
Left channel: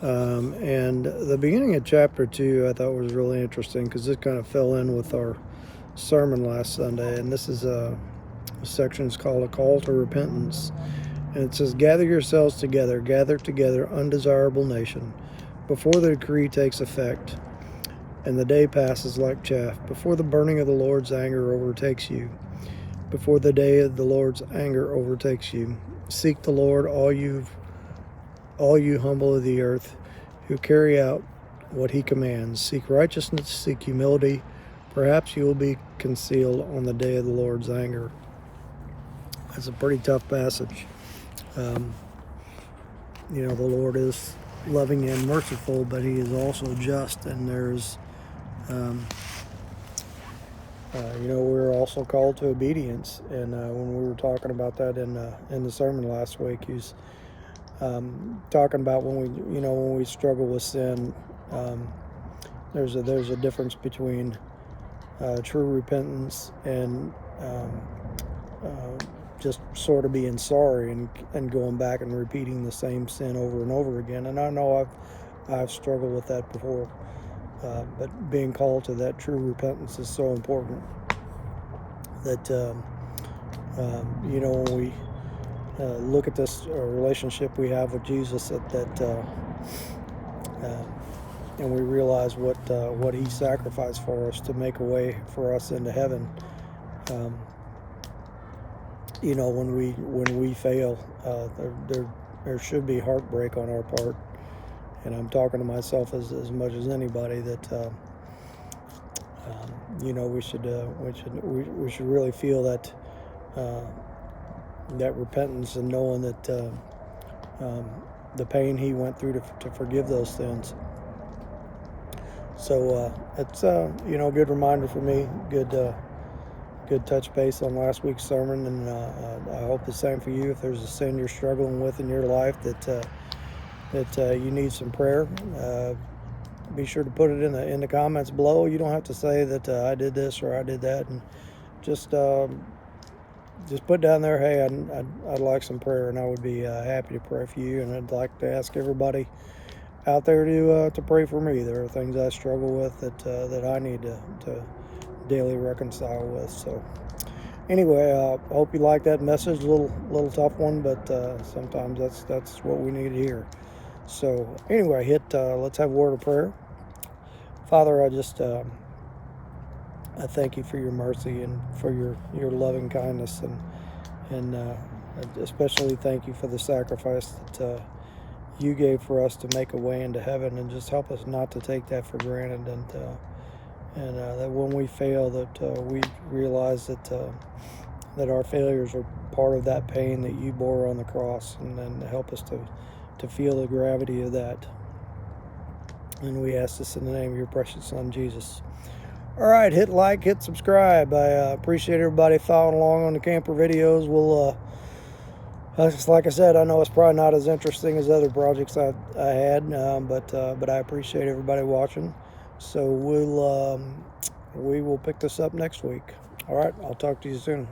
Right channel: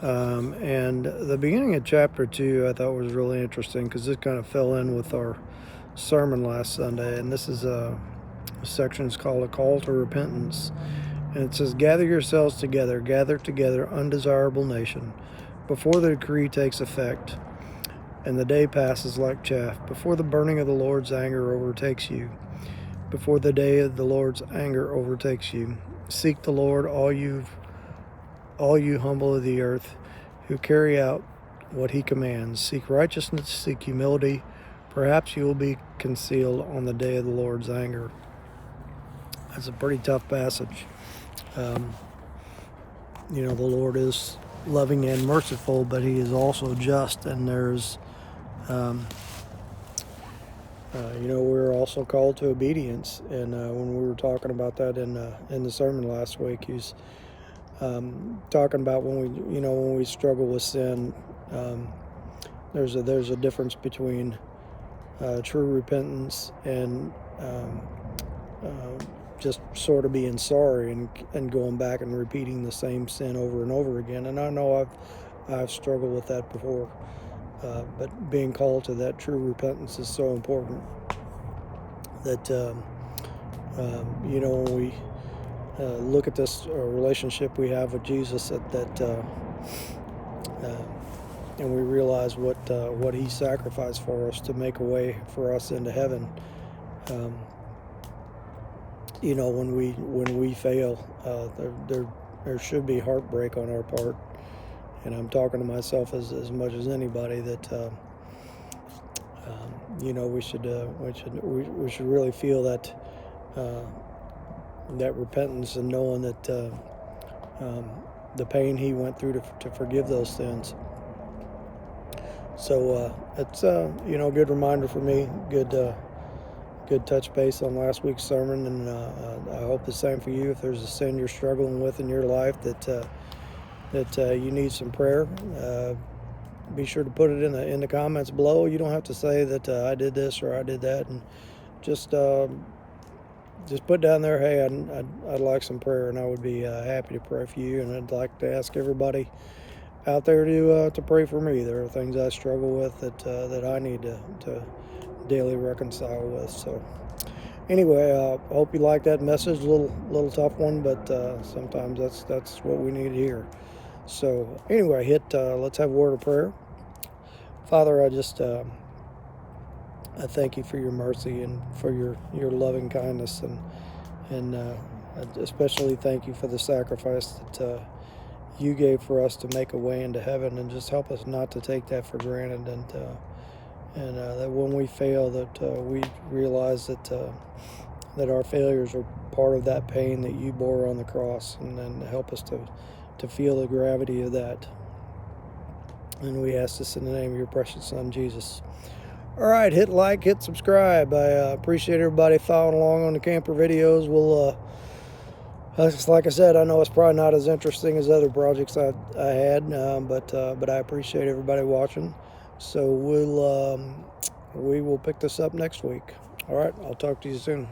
And the beginning of chapter 2 I thought was really interesting because this kind of fell in with our sermon last Sunday. And this is a section is called A Call to Repentance. And it says, "Gather yourselves together, gather together, undesirable nation, before the decree takes effect, and the day passes like chaff, before the burning of the Lord's anger overtakes you, before the day of the Lord's anger overtakes you. Seek the Lord, all you humble of the earth, who carry out what he commands. Seek righteousness, seek humility. Perhaps you will be concealed on the day of the Lord's anger." That's a pretty tough passage. The Lord is loving and merciful, but he is also just, and there's we're also called to obedience. And when we were talking about that in the sermon last week, he's talking about when we struggle with sin, there's a difference between true repentance and just sort of being sorry and going back and repeating the same sin over and over again. And I know I've struggled with that before, but being called to that true repentance is so important. That when we look at this relationship we have with Jesus, and we realize what he sacrificed for us to make a way for us into heaven. When we fail, there should be heartbreak on our part, and I'm talking to myself as much as anybody that we should really feel that repentance and knowing that the pain he went through to forgive those sins. So it's a good reminder for me, good touch base on last week's sermon, and I hope the same for you. If there's a sin you're struggling with in your life that you need some prayer, be sure to put it in the comments below. You don't have to say that I did this or I did that, and just put down there, hey, I'd like some prayer, and I would be happy to pray for you. And I'd like to ask everybody out there to pray for me. There are things I struggle with that I need to daily reconcile with. So anyway, I hope you like that message. A little tough one, but sometimes that's what we need to hear. So anyway, let's have a word of prayer. Father, I thank you for your mercy and for your loving kindness, and I especially thank you for the sacrifice that you gave for us to make a way into heaven, and just help us not to take that for granted, and that when we fail, that we realize that that our failures are part of that pain that you bore on the cross, and then help us to feel the gravity of that. And we ask this in the name of your precious Son, Jesus. All right, hit like, hit subscribe. I appreciate everybody following along on the camper videos. We'll, like I said, I know it's probably not as interesting as other projects I had, but I appreciate everybody watching. So we will pick this up next week. All right, I'll talk to you soon.